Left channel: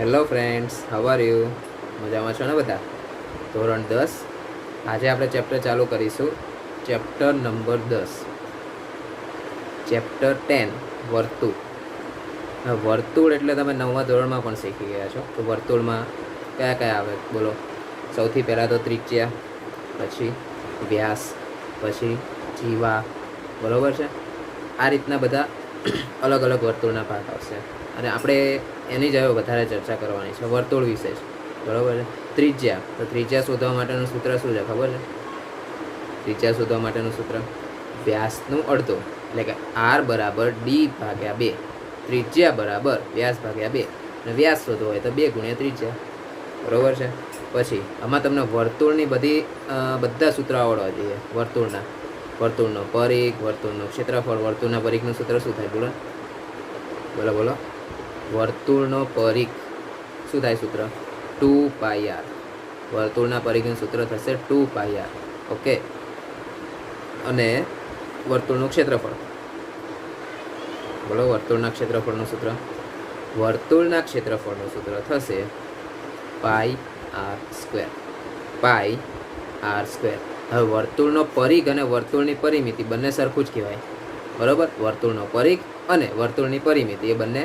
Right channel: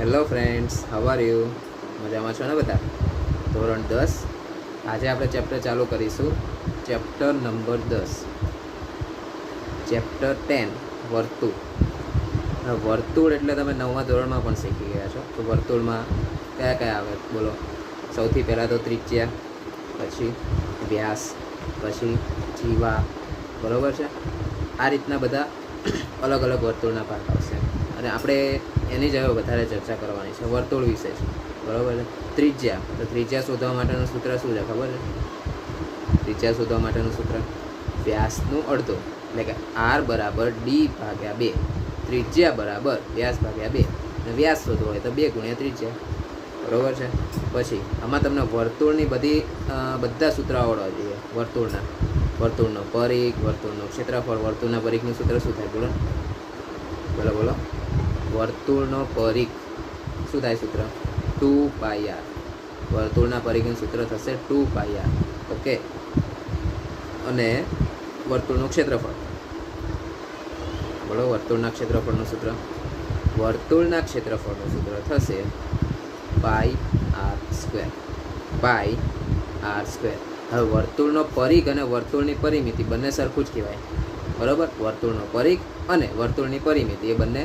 Hello friends, how are you? મજામાં છો ને બધા? ધોરણ 10. આજે આપણે ચેપ્ટર ચાલુ કરીશું. ચેપ્ટર નંબર 10, ચેપ્ટર 10 વર્તુળ. વર્તુળ એટલે તમે 9મા ધોરણમાં પણ શીખી ગયા છો. તો વર્તુળમાં કયા કયા આવે બોલો? સૌથી પહેલાં તો ત્રિજ્યા, પછી વ્યાસ, પછી જીવા, બરાબર છે? આ રીતના બધા અલગ અલગ વર્તુળના ભાગ આવશે અને આપણે એની જ હવે વધારે ચર્ચા કરવાની છે, વર્તુળ વિશે જ, બરાબર છે? ત્રિજ્યા, તો ત્રિજ્યા શોધવા માટેનું સૂત્ર શું છે ખબર છે? ત્રિજ્યા શોધવા માટેનું સૂત્ર વ્યાસનું અડધો, એટલે કે આર બરાબર ડી ભાગ્યા 2, ત્રિજ્યા બરાબર વ્યાસ ભાગ્યા 2, અને વ્યાસ શોધવો હોય તો 2 ગુણ્યા ત્રિજ્યા, બરાબર છે? પછી આમાં તમને વર્તુળની બધા સૂત્ર આવડવા જોઈએ. વર્તુળનો પરિઘ, વર્તુળનું ક્ષેત્રફળ. વર્તુળના પરિઘનું સૂત્ર શું થાય બોલો? બોલો. વર્તુળનો પરિઘ શું થાય સૂત્ર? 2πr. વર્તુળના પરિઘનું સૂત્ર થશે 2πr. ઓકે. અને વર્તુળનું ક્ષેત્રફળ બોલો. વર્તુળના ક્ષેત્રફળનું સૂત્ર થશે πr². હવે વર્તુળનો પરિઘ અને વર્તુળની પરિમિતિ બંને સરખું જ કહેવાય, બરાબર? વર્તુળનો પરિઘ અને વર્તુળની પરિમિતિ એ બંને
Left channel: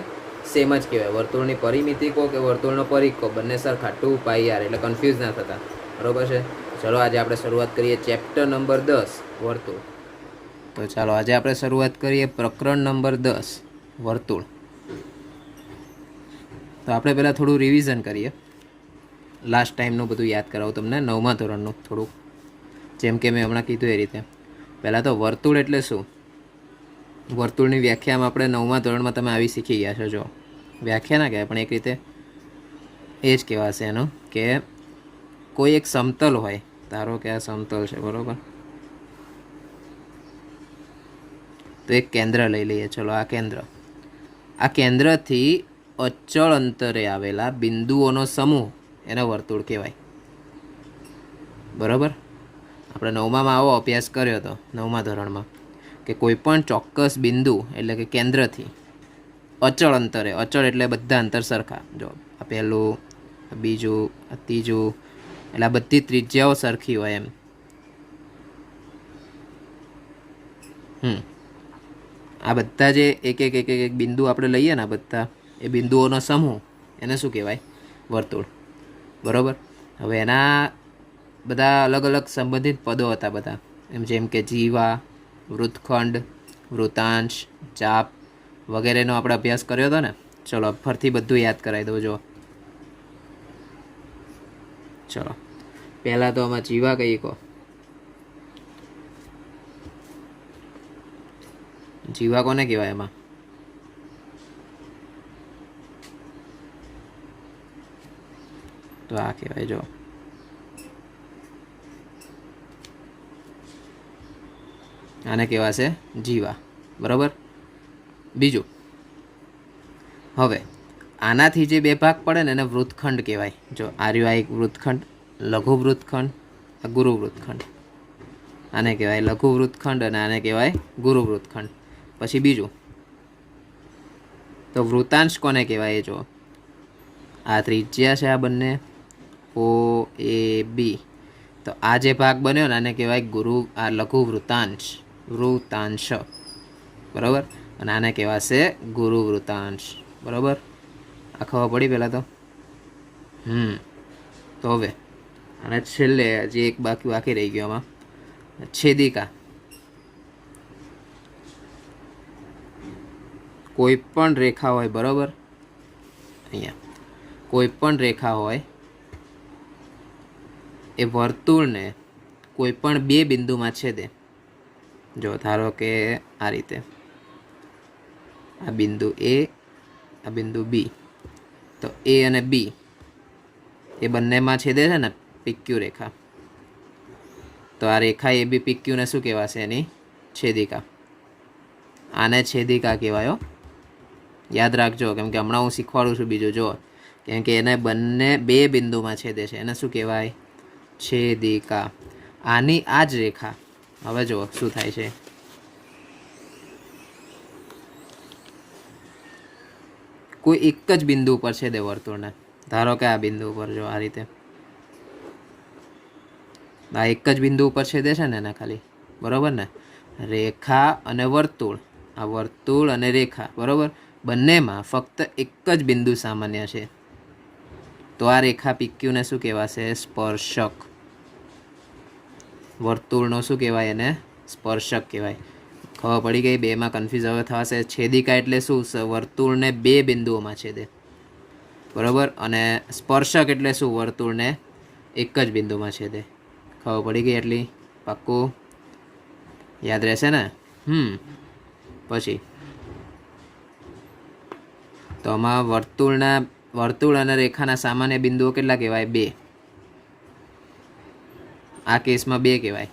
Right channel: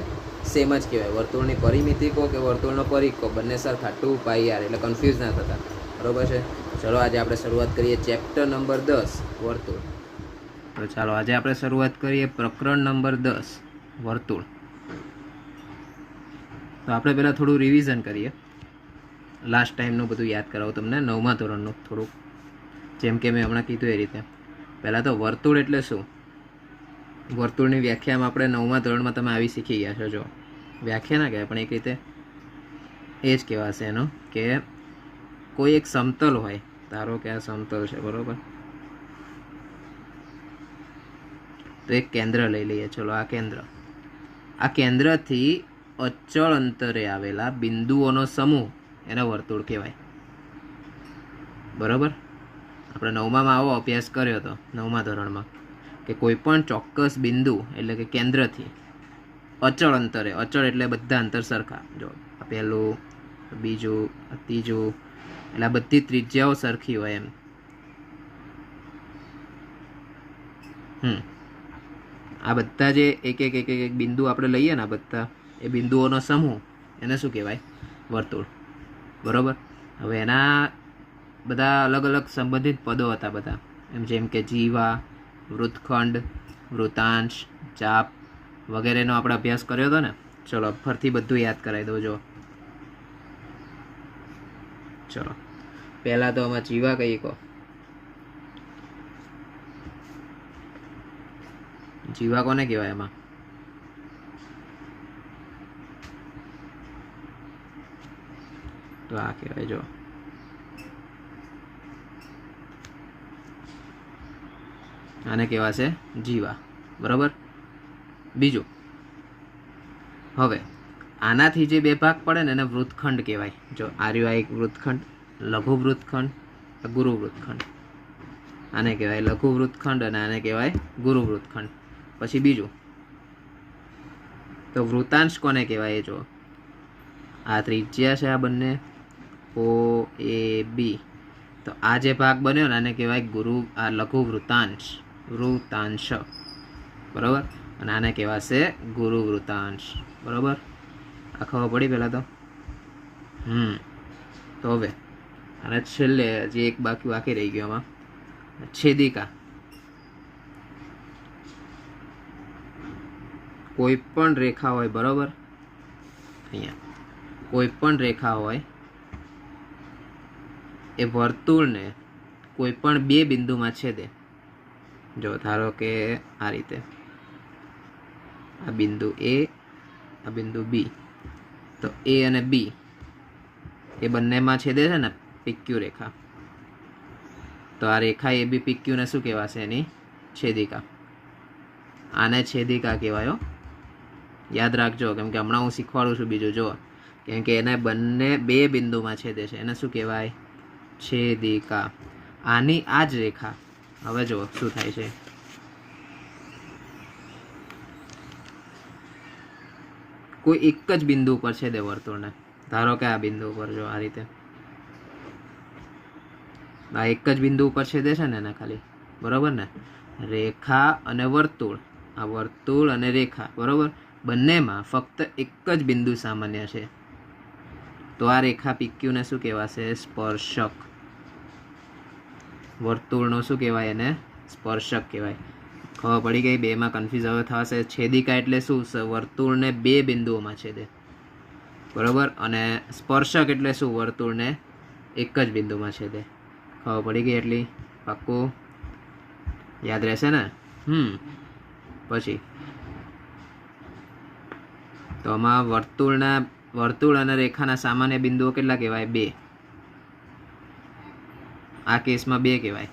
સેમ જ કહેવાય. વર્તુળની પરિમિતિ કહો કે વર્તુળનો પરિઘ કહો, બંને સરખા 2πr, એટલે કન્ફ્યુઝ ના થતા, બરાબર છે? ચલો આજે આપણે શરૂઆત કરીએ ચેપ્ટર નંબર 10 વર્તુળ. તો ચાલો આજે આપણે શરૂઆત કરીએ પ્રકરણ નંબર 10 વર્તુળ. તો આપણે પહેલાં થોડું રિવિઝન કરીએ. લાસ્ટ ટાઈમનું બધું યાદ કરાવું તમને, 9મા ધોરણનું થોડુંક, જેમ કે મેં હમણાં કીધું એ રીતે. પહેલાં તો વર્તુળ એટલે શું? વર્તુળની વ્યાખ્યામાં આપણે 9મા ધોરણમાં તમે આવી શીખી ગયા છો. જો વ્યાખ્યા ના કહેવાય પણ એક રીતે એ જ કહેવાશે એનું, કે કોઈ એક સમતલ હોય, ધારો કે આ સમતલ છે, બરાબર? તો એક કેન્દ્ર લઈ લઈએ. ચલો આ કેન્દ્રથી અચળ અંતરે આવેલા બિંદુઓનો સમૂહ એને વર્તુળ કહેવાય, બરાબર? આપણે 9માં આવો અભ્યાસ કર્યો હતો, 9મા ધોરણમાં, કે કોઈ પણ ચોક્કસ બિંદુ એટલે કે કેન્દ્રથી અચળ અંતરે, અચળ એટલે બધા અંતર સરખા, જો આ પહેલું, બીજું, ત્રીજું, એટલે આ બધી ત્રિજ્યાઓ સરખી હોય એમ. આ બધા જે એક એક બિંદુ આપણે લઈએ ને, આ બધા એ બિંદુઓનો સમૂહ, એને શું કહેવાય? વર્તુળ, બરાબર? હવે એના બધા અલગ અલગ સંબંધિત પદો હતા બધા, જેમ કે જીવા, વૃત્તખંડ, વૃતાંશ, ચાપ વગેરેનો આપણે અભ્યાસ કર્યો હતો ને. ચલો ફરીથી બધું યાદ કરાવી દઉં. જો ચલો પહેલાં તો આમાં જીવા કઈ કહો? જીવા કોને કહેવાય? એમાં તો આ કહેવાય, જો આને કહેવાશે જીવા, બરાબર? બીજું, હવે આનાથી જે બે ભાગ પડે ને એને વૃત્તખંડ કહેવાય. જો આ એક વૃત્તખંડ, લઘુ વૃત્તખંડ, ગુરુ વૃત્તખંડ. આને કહેવાય લઘુ વૃત્તખંડ અને આને કહેવાય ગુરુ વૃત્તખંડ. પછી બીજું, તો વૃતાંશ કોને કહેવાય? જો આ ત્રિજ્યા છે, આ બંને ઓ એ બી, તો આ જે ભાગ બન્યો ને આને કહેવાય આ લઘુ વૃતાંશ, બરાબર? અને આને કહેવાશે ગુરુ વૃતાંશ, બરાબર? આ ખબર પડી પહેલાં તો? તો હવે અને છેલ્લે હજી એક બાકી રહી ગયો આમાં, છેદિકા. કોઈ પણ રેખા હોય, બરાબર? અહીંયા કોઈ પણ રેખા હોય એ વર્તુળને કોઈ પણ બે બિંદુમાં છેદે. જો ધારો કે આ રીતે, આ બિંદુ એ, આ બિંદુ બી, તો એ અને બી એ બંનેમાં છેદે છે ને પીક્યુ રેખા, તો આ રેખા એ બી પીક્યુને શું કહેવાશે? એની છેદિકા. આને છેદિકા કહેવાય. યાદ રાખજો, કેમ કે હમણાં હું શીખવાડું છું બીજું. જો કેમ કે એને બંને બે બિંદુમાં છેદે છે, એને શું કહેવાય? છેદિકા. આની આ જ રેખા, હવે જો શું થાય છે, કોઈ એક જ બિંદુ પર છેદે વર્તુળને, ધારો કે આ બિંદુ ઉપર જો આ રીતે આ એક જ બિંદુ ઉપર છેદે છે ને એને ખાલી, બરાબર ને? રેખા અને વર્તુળ, આ વર્તુળ અને રેખા, બરાબર, બંનેમાં ફક્ત એક જ બિંદુ સામાન્ય છે, તો આ રેખા પીક્યુને શું કહેવાશે? સ્પર્શક. વર્તુળનો શું કહેવાય? એને સ્પર્શક કહેવાય. ખબર પડી ગઈ? બેમાં કન્ફ્યુઝ હવે થશે. છેદિકા એટલે શું? વર્તુળને બે બિંદુઓમાં છેદે, બરાબર, અને સ્પર્શક એટલે શું? વર્તુળને એક જ બિંદુમાં છેદે. ખબર પડી ગઈ એટલી? પાક્કું યાદ રહેશે ને? પછી તો આમાં વર્તુળ અને રેખાના સામાન્ય બિંદુઓ કેટલા કહેવાય? બે. આ કેસમાં બે કહેવાય,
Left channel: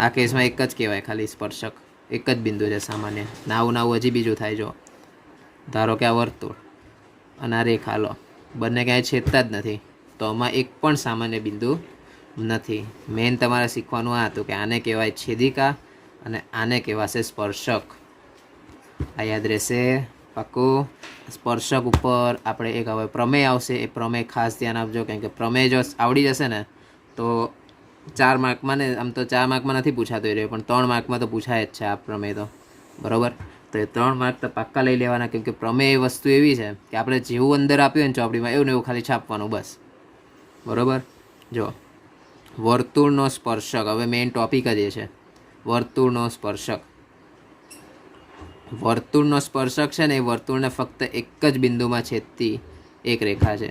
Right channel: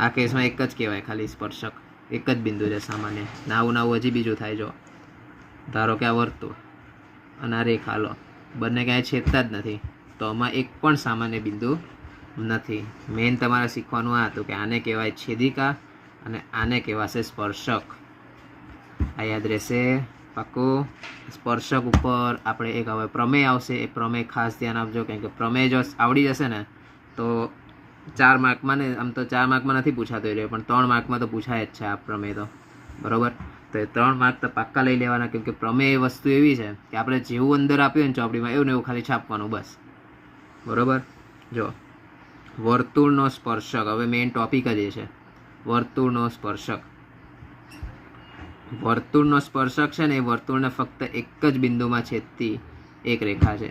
આ કેસમાં એક જ કહેવાય ખાલી સ્પર્શક, એક જ બિંદુ છે સામાન્ય. નાવું હજી બીજું થાય. જો ધારો કે આ વર્તુળ અને આ રેખા, લો, બંને ક્યાંય છેદતા જ નથી, તો આમાં એક પણ સામાન્ય બિંદુ નથી. મેઇન તમારે શીખવાનું આ હતું કે આને કહેવાય છેદિકા અને આને કહેવાશે સ્પર્શક. આ યાદ રહેશે પાક્કું. સ્પર્શક ઉપર આપણે એક હવે પ્રમેય આવશે, એ પ્રમેય ખાસ ધ્યાન આપજો, કારણ કે પ્રમેય જો આવડી જશે ને તો 4 માર્કમાં ને, આમ તો 4 માર્કમાં નથી પૂછાતો એ, પણ 3 માર્કમાં તો પૂછાય જ છે આ પ્રમેય તો, બરાબર. તો એ 3 માર્ક તો પાક્કા લઈ લેવાના, કેમ કે પ્રમેય વસ્તુ એવી છે કે આપણે જેવું અંદર આપ્યું ને ચોપડીમાં એવું ને એવું ખાલી છાપવાનું, બસ, બરાબર. જો વર્તુળનો સ્પર્શક, હવે મેઇન ટોપિક જ એ છે, વર્તુળનો સ્પર્શક. વર્તુળનો સ્પર્શક છે ને એ વર્તુળને ફક્ત એક જ બિંદુમાં છેદતી એક રેખા છે.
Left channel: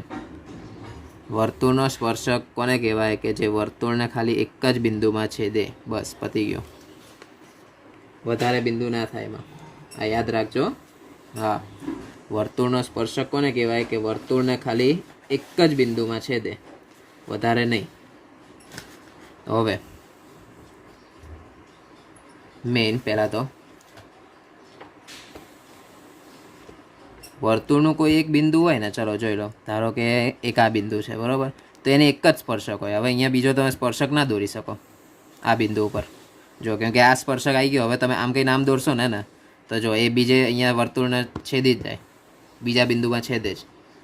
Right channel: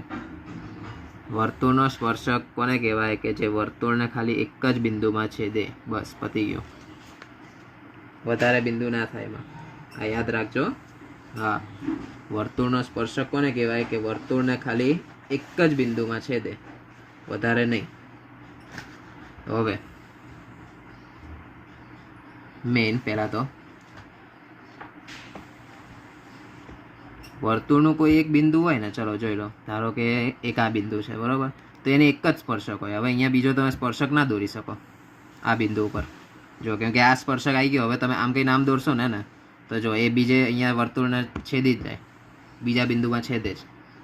વર્તુળનો સ્પર્શક કોને કહેવાય? કે જે વર્તુળને ખાલી એક જ બિંદુમાં છેદે, બસ, પતી ગયો. વધારે બિંદુ ના થાય એમાં, આ યાદ રાખજો. હા, વર્તુળનો સ્પર્શક કોને કહેવાય? કે વર્તુળને ખાલી એક જ બિંદુમાં છેદે, વધારે નહીં. હવે મેઇન પહેલાં તો વર્તુળનું કોઈ એક બિંદુ હોય ને, ચલો જોઈ લો, ધારો કે એક આ બિંદુ છે, બરાબર, તો એને એક જ સ્પર્શક હોય. હવે અહીંયા બીજો તમે સ્પર્શક ના દોરી શકો આ બિંદુ ઉપર, જો, કેમ કે આ સ્પર્શક આવી ગયો. હવે તમે આમ કંઈ નામ દોરશો ને તો જો એ બીજે અહીંયા વર્તુળને છેદી જ જાય, બીજા બિંદુમાં છેદે જ.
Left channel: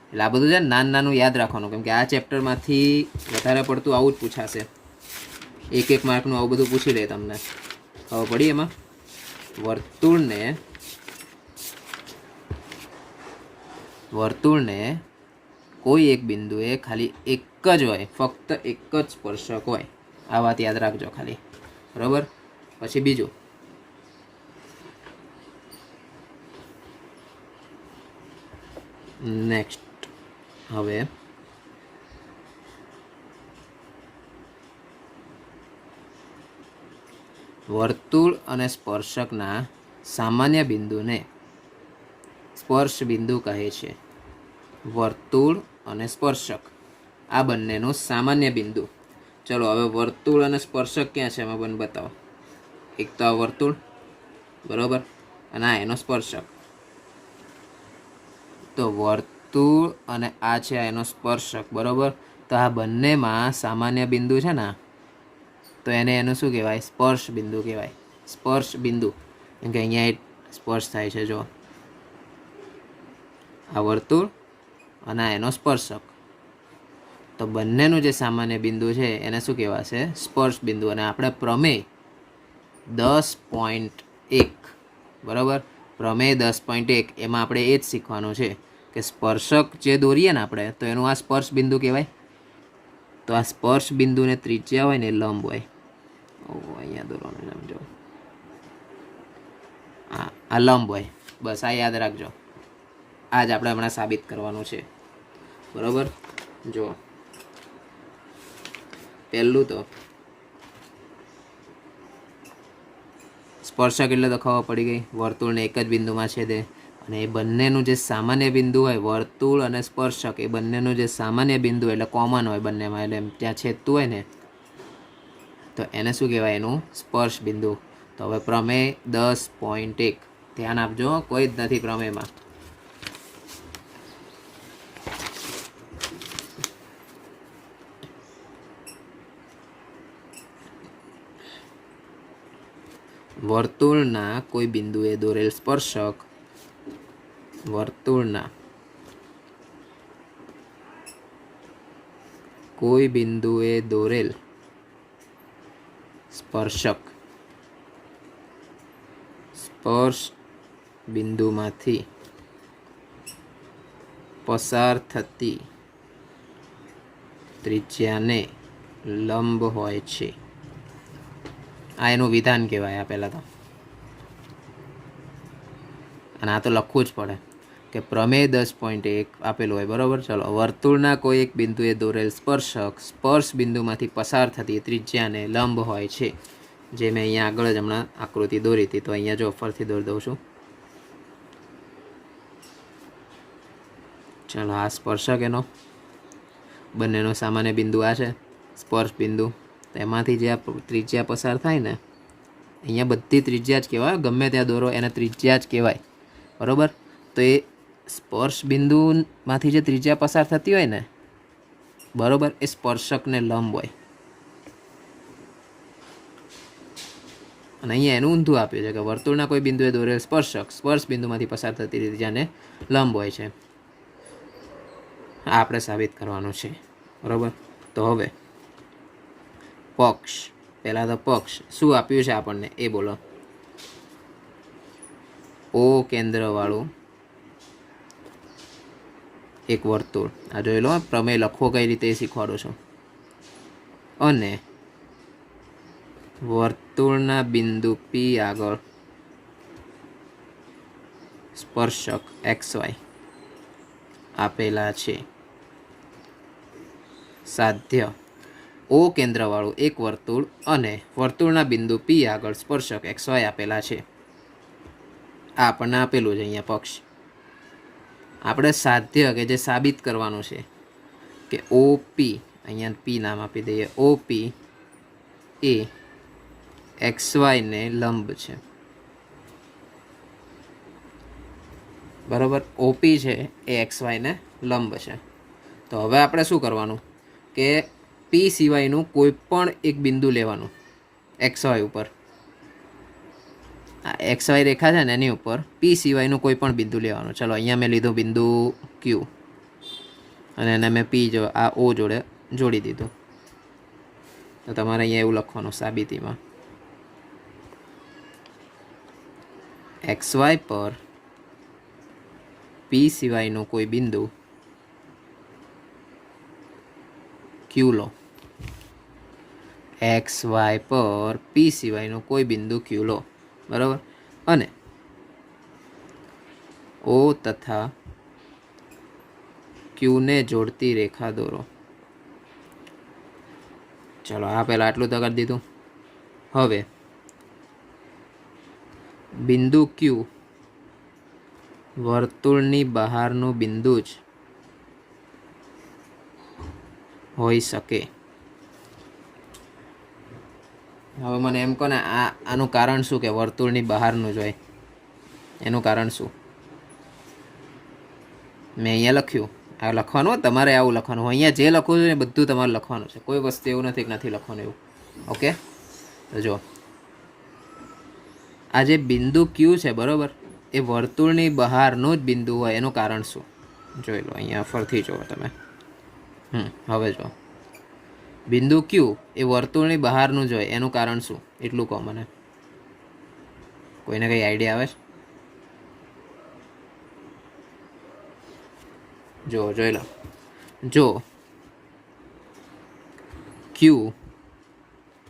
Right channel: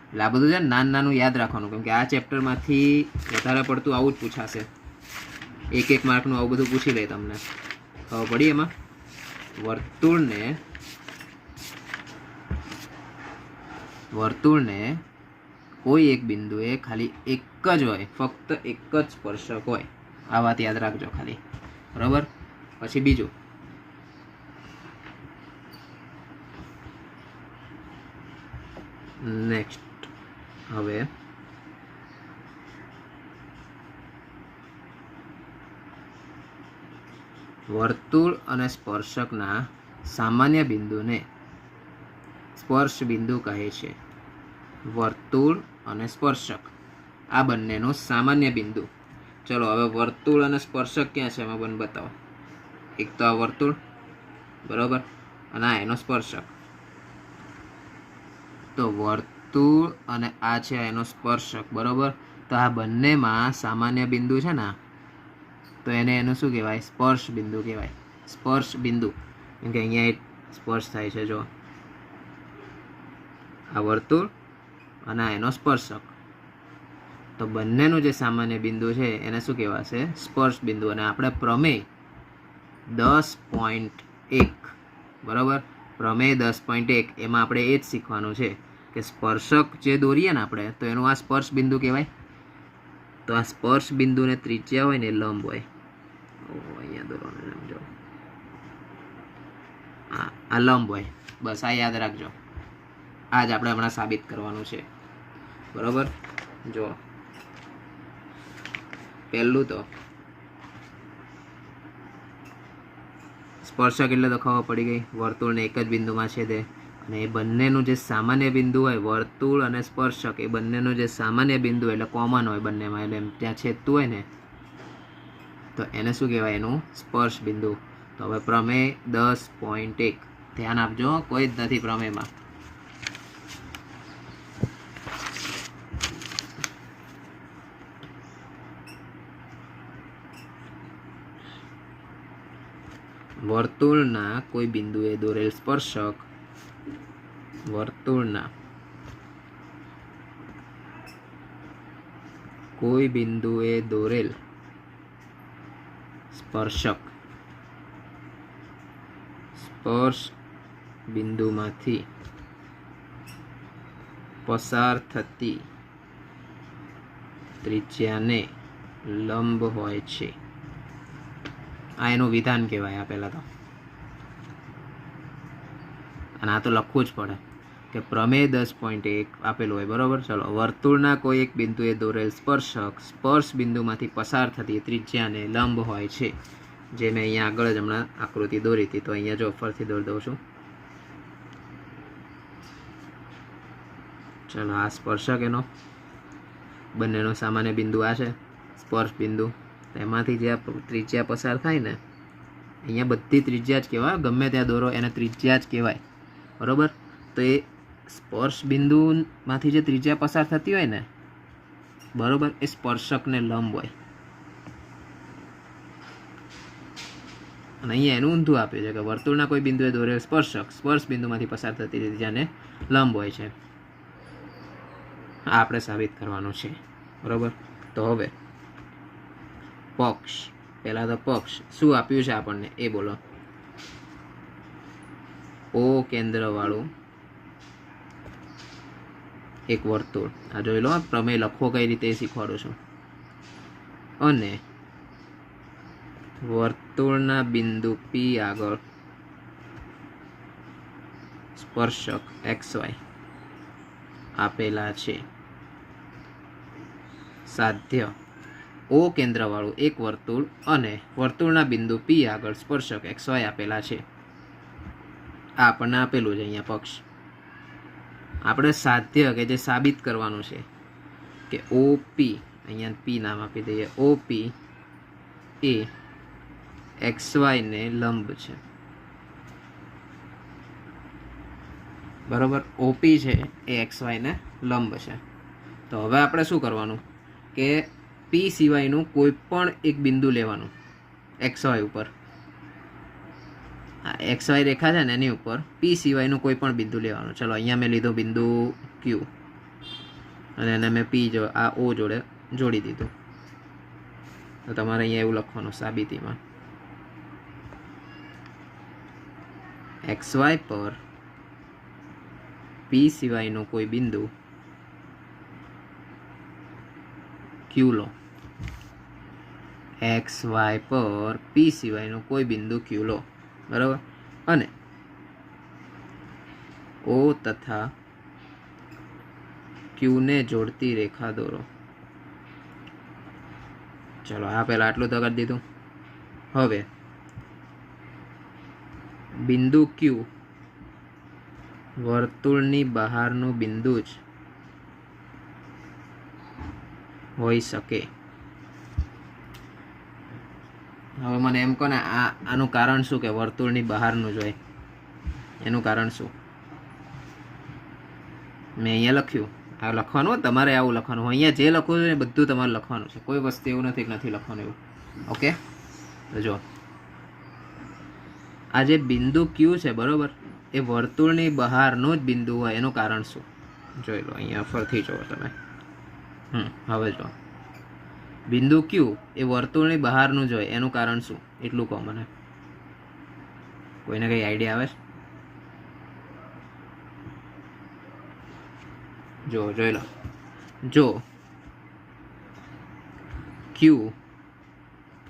એટલે આ બધું છે ને નાનું યાદ રાખવાનું, કેમ કે આ ચેપ્ટરમાંથી વધારે પડતું આવું જ પૂછાશે. એક માર્કનું આવું બધું પૂછી લે તમને. ખબર પડી એમાં? વર્તુળને કોઈ એક બિંદુએ ખાલી એક જ હોય, ફક્ત એક જ સ્પર્શક હોય. આ વાત યાદ રાખજો ખાલી, બરાબર. પછી બીજું, નેક્સ્ટ, હવે વર્તુળ અને સ્પર્શકના સામાન્ય બિંદુને સ્પર્શ બિંદુ કહે છે. વર્તુળ અને સ્પર્શક આ બંનેનું સામાન્ય બિંદુ. ચલો હવે વર્તુળ અને સ્પર્શક ક્યાં છે એમાં મને બતાવો. એક તો આ વર્તુળ, બરાબર, અને આ એનો સ્પર્શક. તો વર્તુળ અને આ છે એનો સ્પર્શક, બરાબર. તો આ બંનેમાં સામાન્ય બિંદુ છે ને, તો એનું શું કહેવાય? સ્પર્શ બિંદુ કહેવાય. સ્પર્શ બિંદુ, કેમ કે અહીંયા એક સ્પર્શ થાય છે. જો આ વર્તુળ અને આ એનો સ્પર્શક, તો બંનેનું જે સામાન્ય બિંદુ છે એને શું કહેવાશે? સ્પર્શ બિંદુ. અને આપણે પ્રમેય 10.1, બરાબર, પ્રમેય 10.1 એમાં આપણે એ જ શીખવાનું છે કે સ્પર્શક જે દોરીએ ને આપણે, તો એનું આ સ્પર્શ બિંદુ કહેવાય. તો આ સ્પર્શ બિંદુને ત્રિજ્યા હોય ને એ લંબ હોય. અહીંયા દોરવાનું સમજો, આ લંબ હોય, બસ, આ યાદ રાખજો. આ જ આપણે હમણાં સાબિત કરવાનું છે, બરાબર. જો પહેલું તો સ્પર્શક એટલે તો ખબર પડી ગઈ, વર્તુળને એક જ બિંદુમાં છેદે. અને એ બંનેનું જે સામાન્ય બિંદુ હોય, વર્તુળ અને સ્પર્શક, એ બંનેનું જે સામાન્ય બિંદુ એટલે કોમન હોય બંનેમાં, એટલે ત્યાં છેદતું હોય ને, તો એને શું કહેવાય? એનું સ્પર્શ બિંદુ. તો હવે પ્રમેય 10.1 ધ્યાન આપજો, કોઈ જ નથી પ્રમેયમાં. વર્તુળના કોઈ બિંદુએ દોરેલ સ્પર્શક વર્તુળના કોઈ બિંદુએ દોરેલ સ્પર્શક સ્પર્શ બિંદુમાંથી પસાર થતી ત્રિજ્યાને લંબ હોય છે. આ એનું વિધાન કહેવાય. આ પહેલાં તો અને આ તો લખવું જ પડે કે પ્રમેય 10.1 આપેલું હોય, બરાબર. ચલો, વર્તુળના કોઈ એક બિંદુએ દોરેલ સ્પર્શક સ્પર્શ બિંદુમાંથી પસાર થતી ત્રિજ્યાને લંબ હોય છે. જે મેં અહીંયા આગળ જ હમણાં આકૃતિ દોરી હતી, તો અહીંયા જો ફરીથી દોરી દઉં છું. ચલો, આ સ્પર્શક એનો બંનેનો સામાન્ય બિંદુ આ છે, સ્પર્શ બિંદુ. તો એમાંથી જે આ ત્રિજ્યા પસાર થાય ને, અહીંયા બધી ત્રિજ્યા જ કહેવાય. ગમે ત્યાં દોરો એને ત્રિજ્યા જ કહેવાય, બરાબર. તો એ સ્પર્શ બિંદુમાંથી જે ત્રિજ્યા પસાર થતી હોય ને, બરાબર, એ સ્પર્શકને લંબ હોય. અને અહીંયા એનું ઊંધું આપ્યું છે કે વર્તુળના કોઈ બિંદુએ દોરેલ સ્પર્શક સ્પર્શ બિંદુમાંથી પસાર થતી ત્રિજ્યાને લંબ હોય છે. આ આપણે સાબિત કરવાનું છે, બરાબર. તો હવે પક્ષ, પહેલાં તો પક્ષ શું આપ્યું છે આપણને એ બોલો. ઓ કેન્દ્રવાળું એક વર્તુળ. આ જોઈ લો, પ્રમેય લખવો કઈ રીતે શીખવાડું છું. અને વર્તુળના બિંદુ પી આગળ સ્પર્શક XY આપેલા છે. સાધ્ય ઓ કેન્દ્રવાળું એક વર્તુળ અને વર્તુળના બિંદુ પી આગળ સ્પર્શક XY આપેલા છે. આ આપણને આપેલું છે અહીંયા પક્ષ. આપણે સાધ્ય કે જે સાબિત કરવાનું છે કે OP, અહીંયા પી નામ આપી દઈએ, OP એ XY ને લંબ છે, બરાબર. OP છે એ XY ને લંબ છે. તો હવે આપણે શું કરવાનું કે P સિવાયનું કોઈ પણ એક બિંદુ લેવાનું XY ઉપર. આ XY રેખા છે ને એની ઉપર P સિવાયનું કોઈ પણ બિંદુ લેવાનું. ચલો, અહીંયા મેં લીધું બિંદુ Q અને એને મેં P જો આ O જોડે જોડી દીધું. તો તમારે અહીંયા એવું લખવાનું સાબિતીમાં, XY પર P સિવાયનું કોઈ બિંદુ Q લો. XY પર P સિવાયનું કોઈ બિંદુ Q લો, બરાબર. અને O તથા Q ને જોડતી રેખા દોરો. ચલો, આ પહેલાં આટલું તો કરી દીધું. હવે બિંદુ Q વર્તુળની બહારનું બિંદુ જ હોઈ શકે. હવે મને એમ કહો ને, આનું કારણ શું કે વર્તુળની બહારનું જ હોય? એનું કારણ શું? મેં અહીંયા લખ્યું, આ લખવાનું તમારે આવું લખવાનું. અહીંયા જે લખવું છે ને બધું તમારે લખવાનું છે. કોઈ વસ્તુ એવું નથી કે નથી લખવાનું એવું. ઓકે, તો જો આ જે બિંદુ Q છે, બરાબર, એ વર્તુળની બહારનું જ બિંદુ હોય. એનું કારણ શું? જોઈ લો, અહીંયા ફરથી જુઓ તમે. હવે જો બિંદુ Q એ વર્તુળની બહારનું જ હોય. એનું કારણ શું? એટલું કહો મને. કોઈને કંઈ આઈડિયા આવે? જોઈ લો, જો Q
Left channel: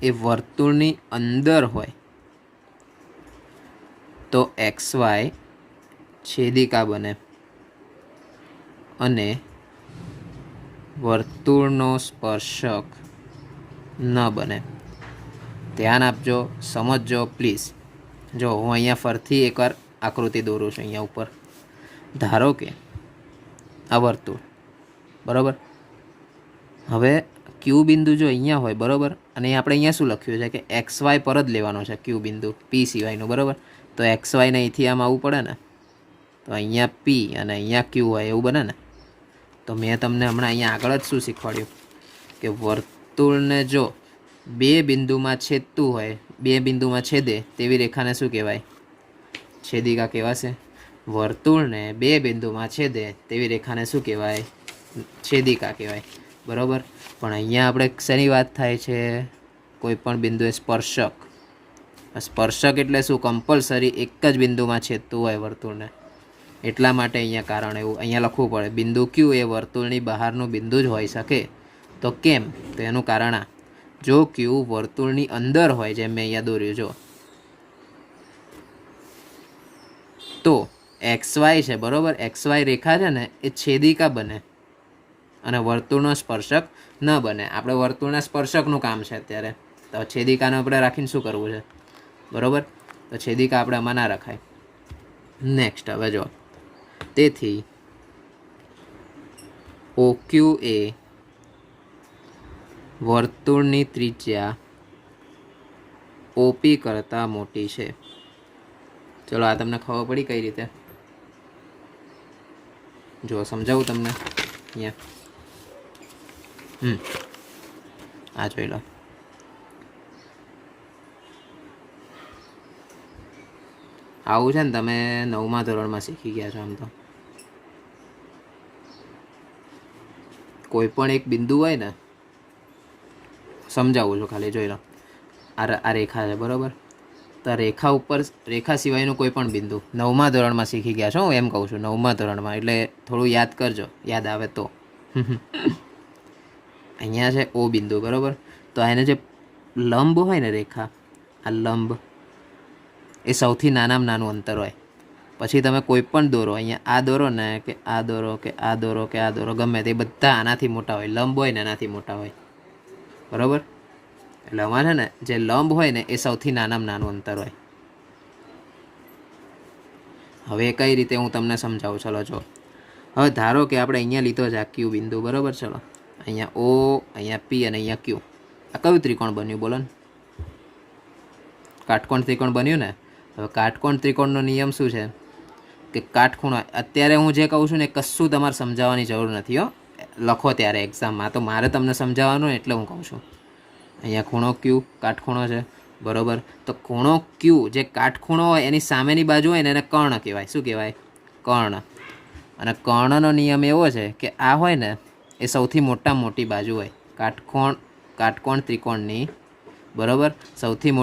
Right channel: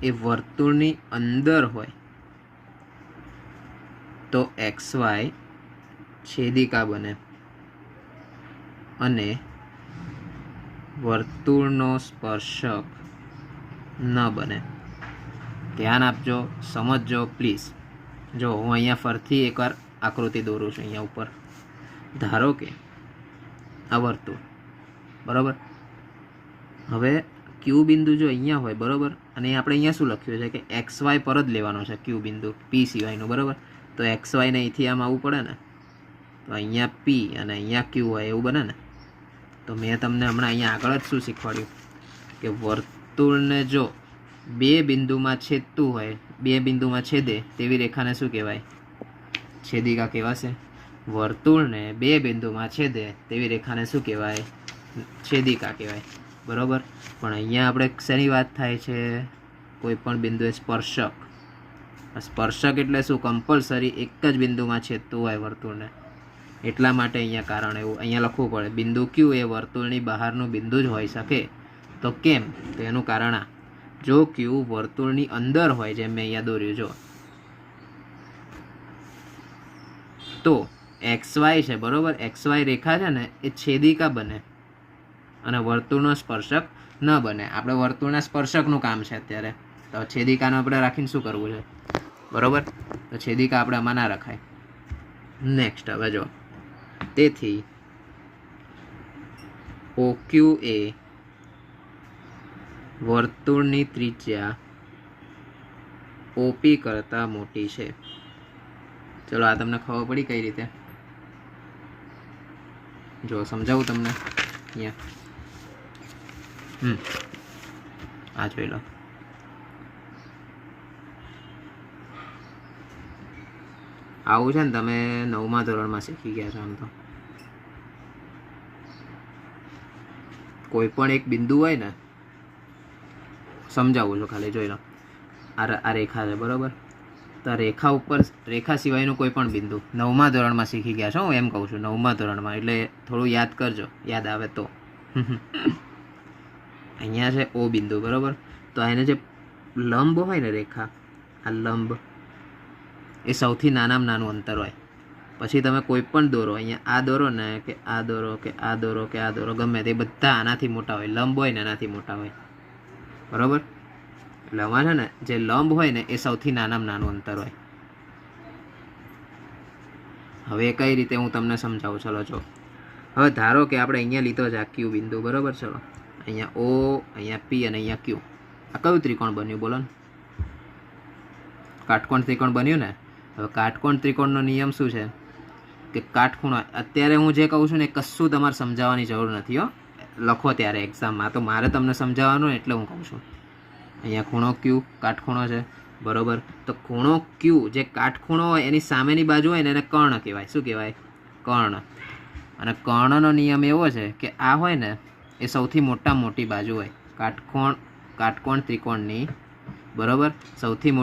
એ વર્તુળની અંદર હોય તો XY છેદિકા બને અને વર્તુળનો સ્પર્શક ન બને. ધ્યાન આપજો, સમજજો પ્લીઝ. જો હું અહીંયા ફરથી એકવાર આકૃતિ દોરું છું. અહીંયા ઉપર ધારો કે આ વર્તુળ, બરાબર. હવે Q બિંદુ જો અહીંયા હોય, બરાબર, અને આપણે અહીંયા શું લખ્યું છે કે XY પર જ લેવાનો છે Q બિંદુ, P સિવાયનું, બરાબર. તો XY ને અહીંથી આમ આવવું પડે ને, તો અહીંયા P અને અહીંયા Q હોય એવું બને ને. તો મેં તમને હમણાં અહીંયા આગળ જ શું શીખવાડ્યું કે વર્તુળને જો બે બિંદુમાં છેદતું હોય, બે બિંદુમાં છેદે તેવી રેખાને શું કહેવાય? છેદિકા કહેવાશે. વર્તુળને બે બિંદુમાં છેદે તેવી રેખાને શું કહેવાય? છેદિકા કહેવાય. બરાબર. પણ અહીંયા આપણે શેની વાત થાય છે? કોઈ પણ બિંદુએ સ્પર્શક. સ્પર્શક એટલે શું? કમ્પલસરી એક જ બિંદુમાં છેદતું હોય વર્તુળને, એટલા માટે અહીંયા કારણ એવું અહીંયા લખવું પડે. બિંદુ ક્યુ એ વર્તુળની બહારનું બિંદુ જ હોઈ શકે. તો કેમ? તો એનું કારણ આ, જો ક્યુ વર્તુળની અંદર હોય, જેમ મેં અહીંયા દોર્યું જો, તો એક્સ વાય છે બરાબર, એક્સ વાય રેખા છે ને એ છેદિકા બને અને વર્તુળનો સ્પર્શક ન બને. આપણે વર્તુળના સ્પર્શકનું કામ છે અત્યારે, તો છેદિકાને આપણે રાખીને શું કરવું છે? બરાબર. તો છેદિકા આપણે આમાં ના રખાય. નેક્સ્ટ હવે જો, તેથી OQ એ વર્તુળની ત્રિજ્યા OP કરતાં મોટી છે. ચલો આ તમને ખબર પડી કઈ રીતે? જો સમજાવું તમને અહીંયા. આ જોઈ લો. આવું છે ને તમે 9મા ધોરણમાં શીખી ગયા છો. આમ તો કોઈ પણ એક બિંદુ હોય ને, સમજાવું છું ખાલી, જોઈ લો. આ રેખા છે બરાબર. તો આ રેખા ઉપર, રેખા સિવાયનું કોઈ પણ બિંદુ 9મા ધોરણમાં શીખી ગયા છો, હું એમ કહું છું 9મા ધોરણમાં, એટલે થોડું યાદ કરજો, યાદ આવે તો. અહીંયા છે O બિંદુ બરાબર. તો એને જે લંબ હોય ને રેખા, આ લંબ એ સૌથી નાનામાં નાનું અંતર હોય. પછી તમે કોઈ પણ દોરો, અહીંયા આ દોરો ને, કે આ દોરો, કે આ દોરો, કે આ દોરો, ગમે તે બધા આનાથી મોટા હોય. લંબ હોય ને એનાથી મોટા હોય બરાબર. એટલે આમાં છે ને જે લંબ હોય ને એ સૌથી નાનામાં નાનું અંતર હોય. હવે કઈ રીતે હું તમને સમજાવું. ચલો જો, હવે ધારો કે આપણે અહીંયા લીધો છે આ ક્યુ બિંદુ બરાબર. ચલો અહીંયા O, અહીંયા P અને અહીંયા Q. આ કયું ત્રિકોણ બન્યું બોલો ને? કાટકોણ ત્રિકોણ બન્યું ને. હવે કાટકોણ ત્રિકોણનો નિયમ શું છે? કે કાટખૂણો, અત્યારે હું જે કહું છું ને કશું તમારે સમજાવવાની જરૂર નથી હો, લખો ત્યારે એક્ઝામમાં. તો મારે તમને સમજાવવાનું એટલે હું કહું છું. અહીંયા ખૂણો Q કાટખૂણો છે બરાબર. તો ખૂણો Q જે કાટખૂણો હોય એની સામેની બાજુ હોય ને એને કર્ણ કહેવાય. શું કહેવાય? કર્ણ. અને કર્ણનો નિયમ એવો છે કે આ હોય ને એ સૌથી મોટી બાજુ હોય કાટકોણ ત્રિકોણની બરાબર. સૌથી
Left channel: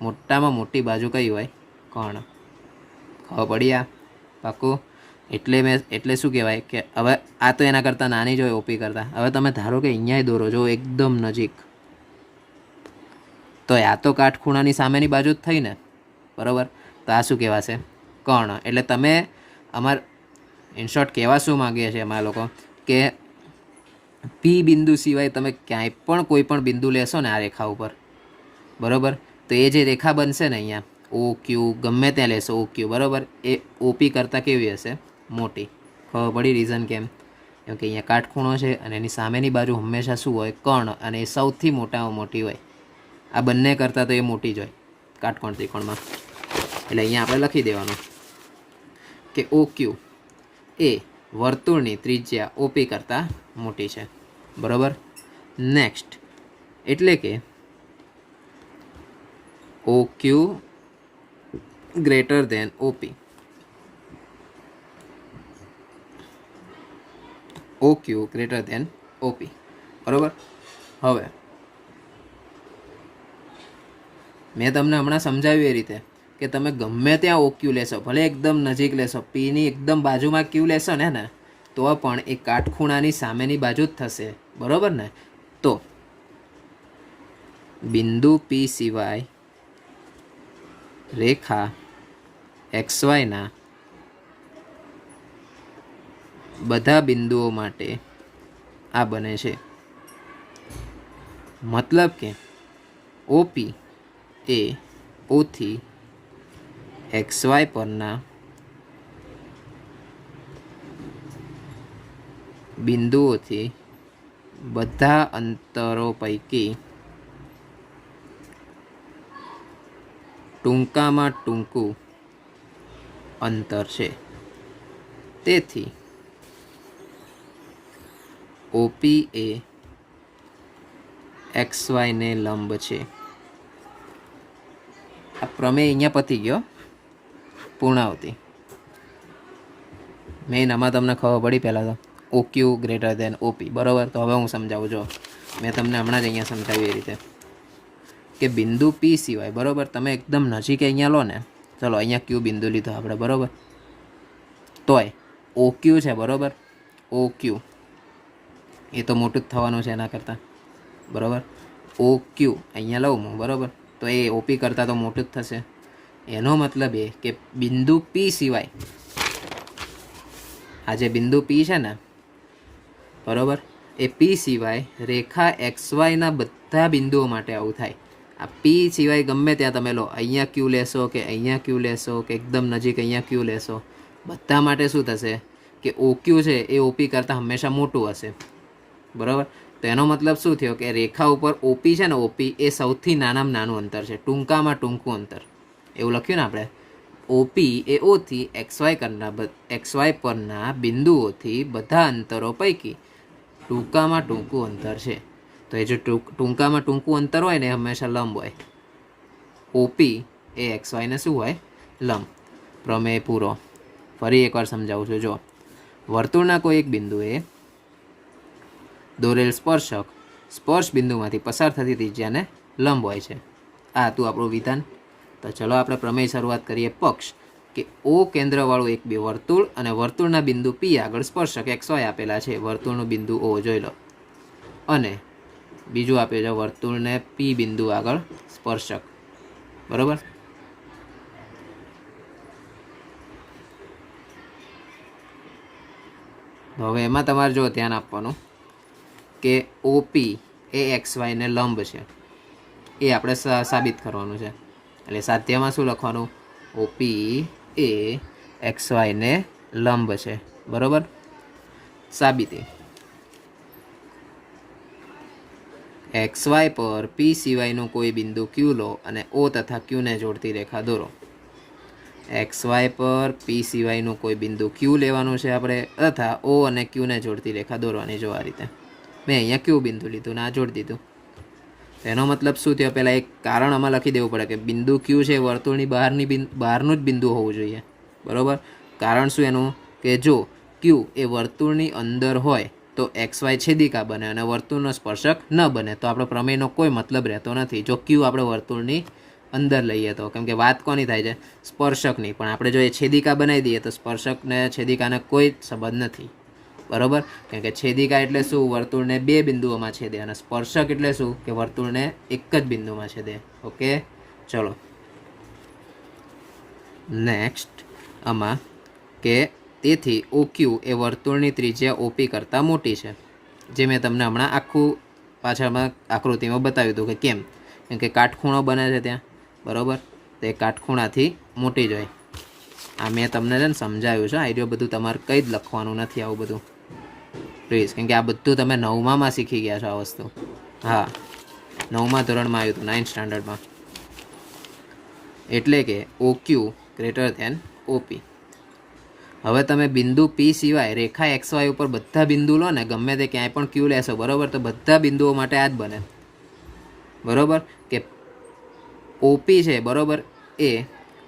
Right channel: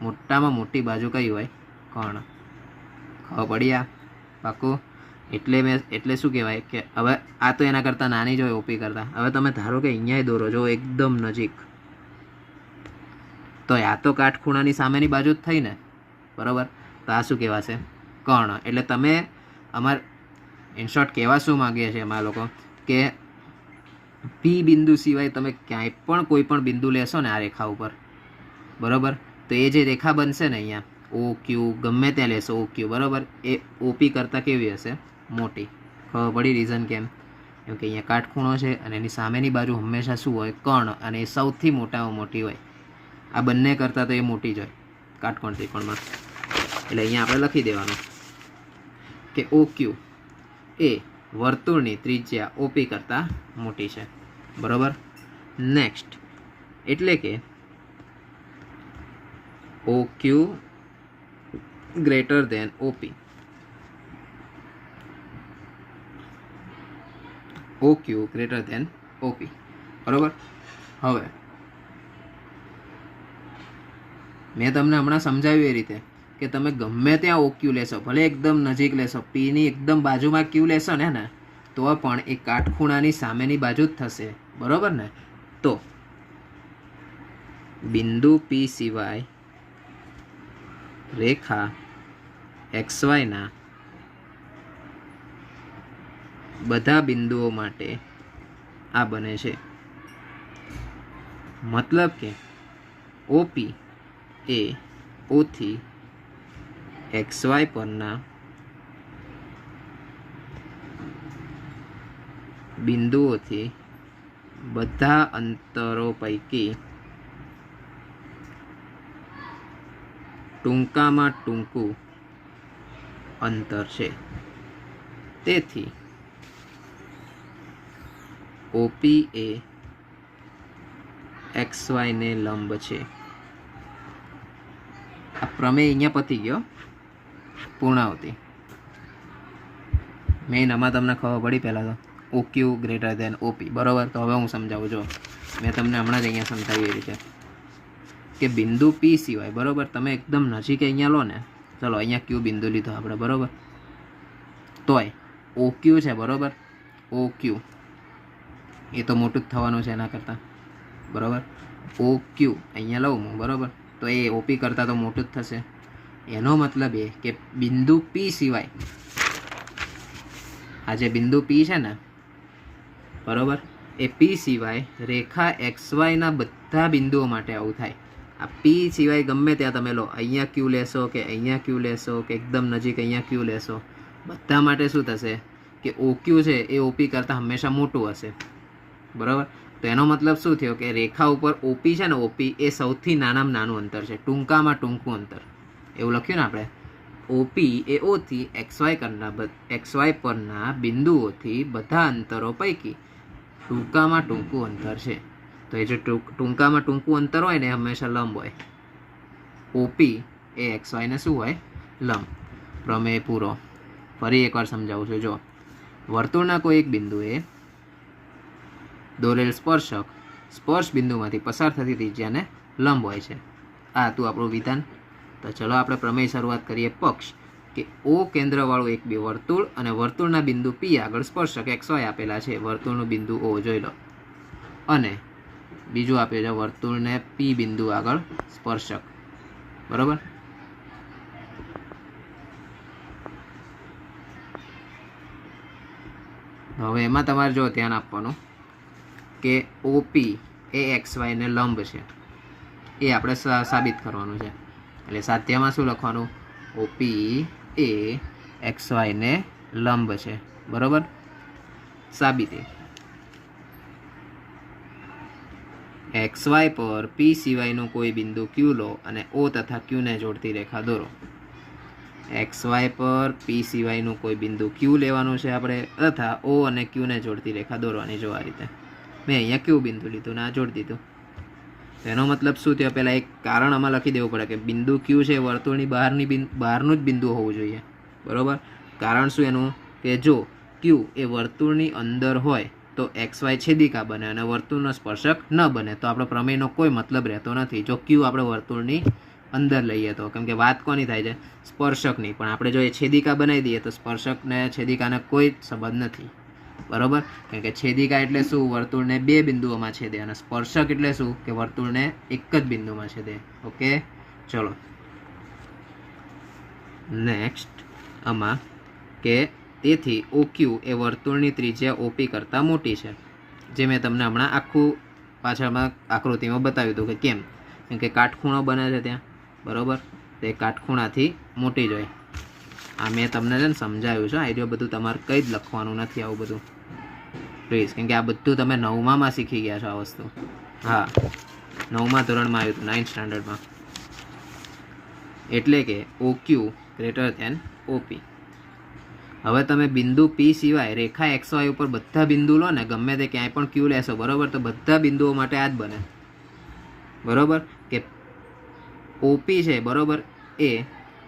મોટામાં મોટી બાજુ કઈ હોય? કર્ણ. ખબર પડી આ? પાકું. એટલે શું કહેવાય કે હવે આ તો એના કરતાં નાની જ હોય OP કરતાં. હવે તમે ધારો કે અહીંયા દોરો જો એકદમ નજીક, તો આ તો કાટખૂણાની સામેની બાજુ જ થઈ ને બરાબર. તો આ શું કહેવાશે? કર્ણ. એટલે તમે ઇનશોર્ટ કહેવા શું માગીએ છીએ અમારા લોકો કે P બિંદુ સિવાય તમે ક્યાંય પણ કોઈ પણ બિંદુ લેશો ને આ રેખા ઉપર બરાબર, તો એ જે રેખા બનશે ને અહીંયા OQ, ગમે ત્યાં લેશો OQ બરાબર, એ OP કરતાં કેવી હશે? મોટી. ખબર પડી રીઝન કેમ? કેમ કે અહીંયા કાટખૂણો છે અને એની સામેની બાજુ હંમેશા શું હોય? કર્ણ. અને એ સૌથી મોટામાં મોટી હોય. આ બંને કરતાં તો એ મોટી જ હોય કાટકોણ ત્રિકોણમાં. એટલે અહીંયા આપણે લખી દેવાનું કે OQ એ વર્તુળની ત્રિજ્યા OP કરતાં મોટી છે બરાબર. નેક્સ્ટ એટલે કે OQ greater than OP. OQ greater than OP બરાબર. હવે મેં તમને હમણાં સમજાવ્યું એ રીતે કે તમે ગમે ત્યાં OQ લેશો, ભલે એકદમ નજીક લેશો, Pની એકદમ બાજુમાં Q લેશો ને તો પણ એ કાટખૂણાની સામેની બાજુ જ થશે બરાબર ને. તો બિંદુ P સિવાય રેખા XYના બધા બિંદુઓ માટે આ બને છે. મતલબ કે OP એ O થી XY પરના બિંદુઓથી બધા અંતરો પૈકી ટૂંકામાં ટૂંકું અંતર છે. તેથી OP એ XY ને લંબ છે. આ પ્રમેય અહીંયા પતી ગયો, પૂર્ણાવતી. મેઇન આમાં તમને ખબર પડી પહેલાં તો ઓ ક્યુ ગ્રેટર દેન ઓપી, બરાબર. તો હવે હું સમજાવું. જો મેં તમને હમણાં જ અહીંયા સમજાવ્યું એ રીતે કે બિંદુ પી સિવાય, બરાબર, તમે એકદમ નજીક અહીંયા લો ને, ચલો અહીંયા ક્યુ બિંદુ લીધો આપણે, બરાબર, તોય ઓ ક્યુ છે, બરાબર, ઓ ક્યુ એ તો મોટું જ થવાનું છે એના કરતાં, બરાબર. ઓ ક્યુ અહીંયા લઉં હું, બરાબર, તો એ ઓપી કરતાં તો મોટું જ થશે. એનો મતલબ એ કે બિંદુ પી સિવાય, આ જે બિંદુ પી છે ને, બરાબર, એ પી સિવાય રેખા એક્સ વાયના બધા બિંદુઓ માટે આવું થાય. આ પી સિવાય ગમે ત્યાં તમે લો, અહીંયા ક્યુ લેશો કે અહીંયા ક્યુ લેશો કે એકદમ નજીક અહીંયા ક્યુ લેશો, બધા માટે શું થશે કે ઓ ક્યુ છે એ ઓપી કરતાં હંમેશા મોટું હશે, બરાબર. તો એનો મતલબ શું થયો કે રેખા ઉપર ઓપી છે ને, ઓપી એ સૌથી નાનામાં નાનું અંતર છે, ટૂંકામાં ટૂંકું અંતર, એવું લખ્યું ને આપણે. ઓપી એ ઓથી એક્સ વાય પરના બિંદુઓથી બધા અંતરો પૈકી ટૂંકામાં ટૂંકું અંતર છે. તો એ જે ટૂંકામાં ટૂંકું અંતર હોય ને એ હંમેશા લંબ હોય. ઓપી એ એક્સ વાયને શું હોય? લંબ. પ્રમેય પૂરો. ફરી એકવાર સમજાવું છું. જો વર્તુળના કોઈ એક બિંદુએ દોરેલ સ્પર્શક સ્પર્શ બિંદુમાંથી પસાર થતી ત્રિજ્યાને લંબ હોય છે. આ હતું આપણું વિધાન. તો ચલો આપણે પ્રમેય શરૂઆત કરીએ. પક્ષ કે ઓ કેન્દ્રવાળું એક બે વર્તુળ અને વર્તુળના બિંદુ પી આગળ સ્પર્શક એક્સ વાય આપેલા છે. વર્તુળનું બિંદુ ઓ જોઈ લો, અને બીજું આપ્યું છે વર્તુળને પી બિંદુ આગળ સ્પર્શક, બરાબર. હવે એમાં તમારે જો ધ્યાન આપવાનું કે ઓપી એ એક્સ વાયને લંબ છે, એ આપણે સાબિત કરવાનું છે. એટલે સાધ્યમાં શું લખવાનું? ઓપી એ એક્સ વાયને લંબ છે, બરાબર. સાબિતી એક્સ વાય પર પી સિવાયનું કોઈ બિંદુ ક્યુ લો અને ઓ તથા ક્યુને જોડતી રેખા દોરો. એક્સ વાય પર પી સિવાયનું કોઈ બિંદુ ક્યુ લેવાનું છે આપણે, તથા ઓ અને ક્યુને જોડતી રેખા દોરવાની. જો આ રીતે મેં અહીંયા ક્યુ બિંદુ લીધું ને આ જોડી દીધું. એનો મતલબ શું થયો? પહેલાં એક કારણ આમાં લખી દેવું પડે કે બિંદુ ક્યુ છે વર્તુળની બહારનું જ બિંદુ હોવું જોઈએ, બરાબર. કારણ શું એનું? કે જો ક્યુ એ વર્તુળની અંદર હોય તો એક્સ વાય છેદિકા બને અને વર્તુળનો સ્પર્શક ન બને, તો આપણો પ્રમેયનો કોઈ મતલબ રહેતો નથી. જો ક્યુ આપણે વર્તુળની અંદર લઈએ તો, કેમ કે વાત કોની થાય છે? સ્પર્શકની. પણ આપણે જો એ છેદિકા બનાવી દઈએ તો સ્પર્શકને છેદિકાને કોઈ સંબંધ નથી, બરાબર. કેમ કે છેદિકા એટલે શું? વર્તુળને બે બિંદુઓમાં છેદે, અને સ્પર્શક એટલે શું? કે વર્તુળને એક જ બિંદુમાં છેદે. ઓકે, ચલો નેક્સ્ટ. આમાં કે તેથી ઓ ક્યુ એ વર્તુળની ત્રિજ્યા ઓપી કરતાં મોટી છે. જે મેં તમને હમણાં આખું પાછળમાં આકૃતિમાં બતાવ્યું હતું કે કેમ. કેમ કે કાટખૂણો બને છે ત્યાં, બરાબર. તે કાટખૂણાથી મોટી જ હોય. આ મેં તમને છે ને સમજાવ્યું છે. આઈડિયો બધું તમારે કંઈ જ લખવાનું નથી આવું બધું, પ્લીઝ. કેમ કે આ બધું તમે 9માં શીખી ગયા છો આ વસ્તુ. હા, 9મા ધોરણમાં આવ્યું હતું, 9th સ્ટાન્ડર્ડમાં. એટલે કે ઓ ક્યુ ગ્રેટર ધેન ઓપી. હવે તમે બિંદુ પી સિવાય રેખા એક્સ વાય ઉપર બધા બિંદુ લો ને, ગમે તે ક્યાંય પણ ક્યુ લેશો, બરાબર, તો બધા બિંદુઓ માટે આ જ બને, બરાબર. કે ઓપી છે, બરાબર, એ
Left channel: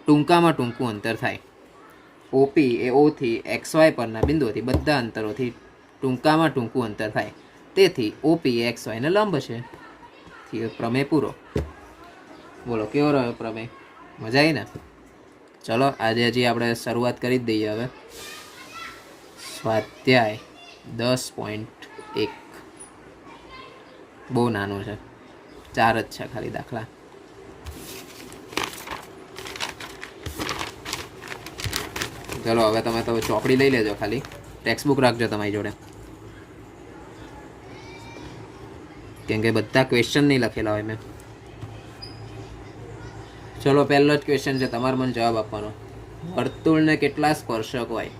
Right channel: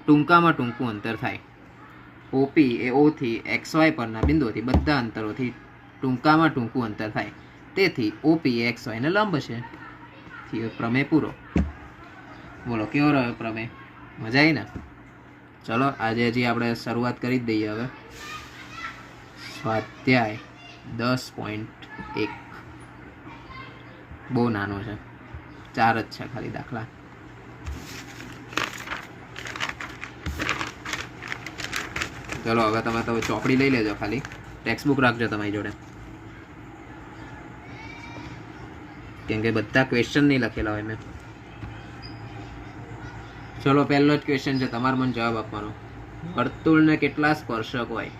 ટૂંકામાં ટૂંકું અંતર થાય. ઓપી એ ઓથી એક્સ વાય પરના બિંદુઓથી બધા અંતરોથી ટૂંકામાં ટૂંકું અંતર થાય. તેથી ઓપી એ એક્સ વાયને લંબ છે. પ્રમેય પૂરો. બોલો કેવો રહ્યો પ્રમેય? મજા આવી ને? ચલો આજે હજી આપણે શરૂઆત કરી જ દઈએ. હવે સ્વાધ્યાય 10.1 બહુ નાનું છે, 4 જ છે ખાલી દાખલા. ચલો હવે તમે તો ચોપડી લઈ લેજો, ખાલી ટેક્સ્ટબુક રાખજો તમારી જોડે, કેમ કે બધા ક્વેશ્ચન નહીં લખેલા હોય મેં. ચલો પહેલો જ ક્વેશ્ચન છે, તમારે મને જવાબ આપવાનો. વર્તુળને કેટલા સ્પર્શક હોય?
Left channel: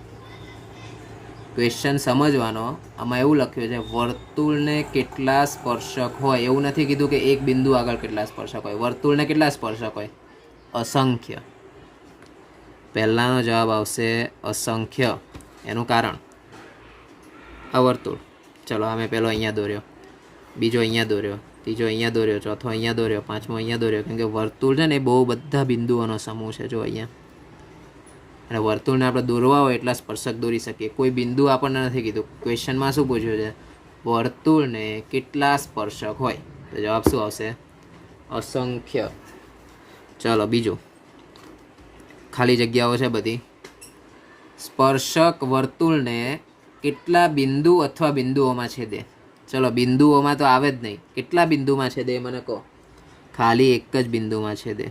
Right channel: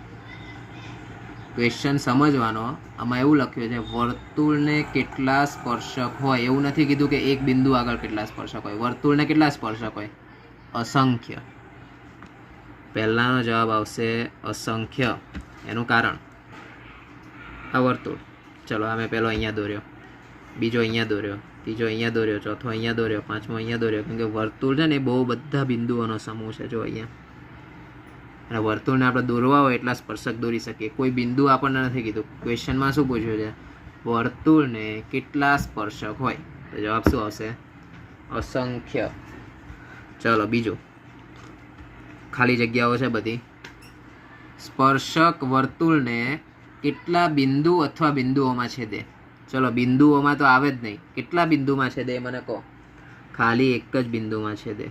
ક્વેશ્ચન સમજવાનો. આમાં એવું લખ્યું છે વર્તુળને કેટલા સ્પર્શક હોય. એવું નથી કીધું કે એક બિંદુ આગળ કેટલા સ્પર્શક હોય. વર્તુળને કેટલા સ્પર્શક હોય? અસંખ્ય. પહેલાનો જવાબ આવશે અસંખ્ય. એનું કારણ આ વર્તુળ. ચલો આ મેં પહેલો અહીંયા દોર્યો, બીજો અહીંયા દોર્યો, ત્રીજો અહીંયા દોર્યો, ચોથો અહીંયા દોર્યો, પાંચમો અહીંયા દોર્યો. કેમ કે વર્તુળ છે ને એ બહુ બધા બિંદુઓનો સમૂહ છે. જો અહીંયા અને વર્તુળને આપણે દોરવા હોય એટલા સ્પર્શક દોરી શકીએ. કોઈ બિંદુ આપણને નથી કીધું. ક્વેશ્ચનમાં શું પૂછ્યું છે? વર્તુળને કેટલા સ્પર્શક હોય? તો જવાબ શું આવશે? અસંખ્ય. ચલો બીજું, ખાલી જગ્યાઓ છે બધી. સ્પર્શક વર્તુળને કેટલા બિંદુ અથવા બિંદુઓમાં છેદે? ચલો બિંદુઓમાં તો આવે જ નહીં. કેટલા બિંદુમાં છેદે એ મને કહો. ખાલી એક જ બિંદુમાં છેદે.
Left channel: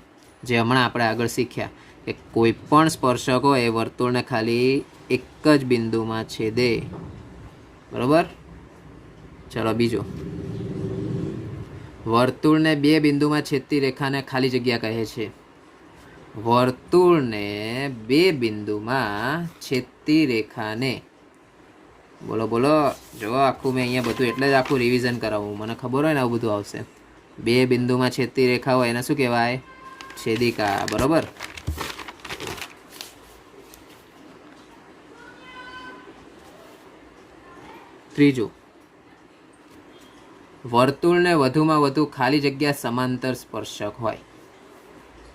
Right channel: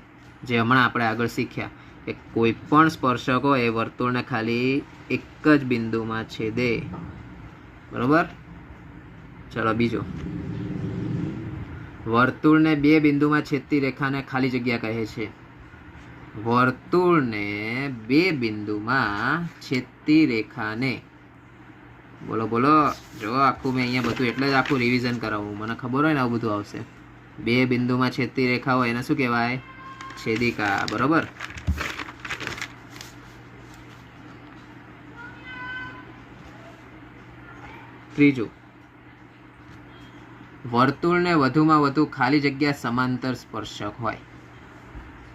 જે હમણાં આપણે આગળ શીખ્યા કે કોઈ પણ સ્પર્શક હોય એ વર્તુળને ખાલી એક જ બિંદુમાં છેદે. બરાબર. ચલો બીજું, વર્તુળને બે બિંદુમાં છેદતી રેખાને ખાલી જગ્યા કહે છે. વર્તુળને બે બિંદુમાં છેદતી રેખાને, બોલો બોલો. જો આખું મેં અહીંયા બધું એટલે જ આખું રિવિઝન કરાવું. મને ખબર હોય ને આવું બધું આવશે. બે બિંદુમાં છેદતી રેખા હોય એને શું કહેવાય? છેદિકા. બરોબર. ત્રીજું, વર્તુળને વધુમાં વધુ ખાલી જગ્યા સમાંતર સ્પર્શક હોય.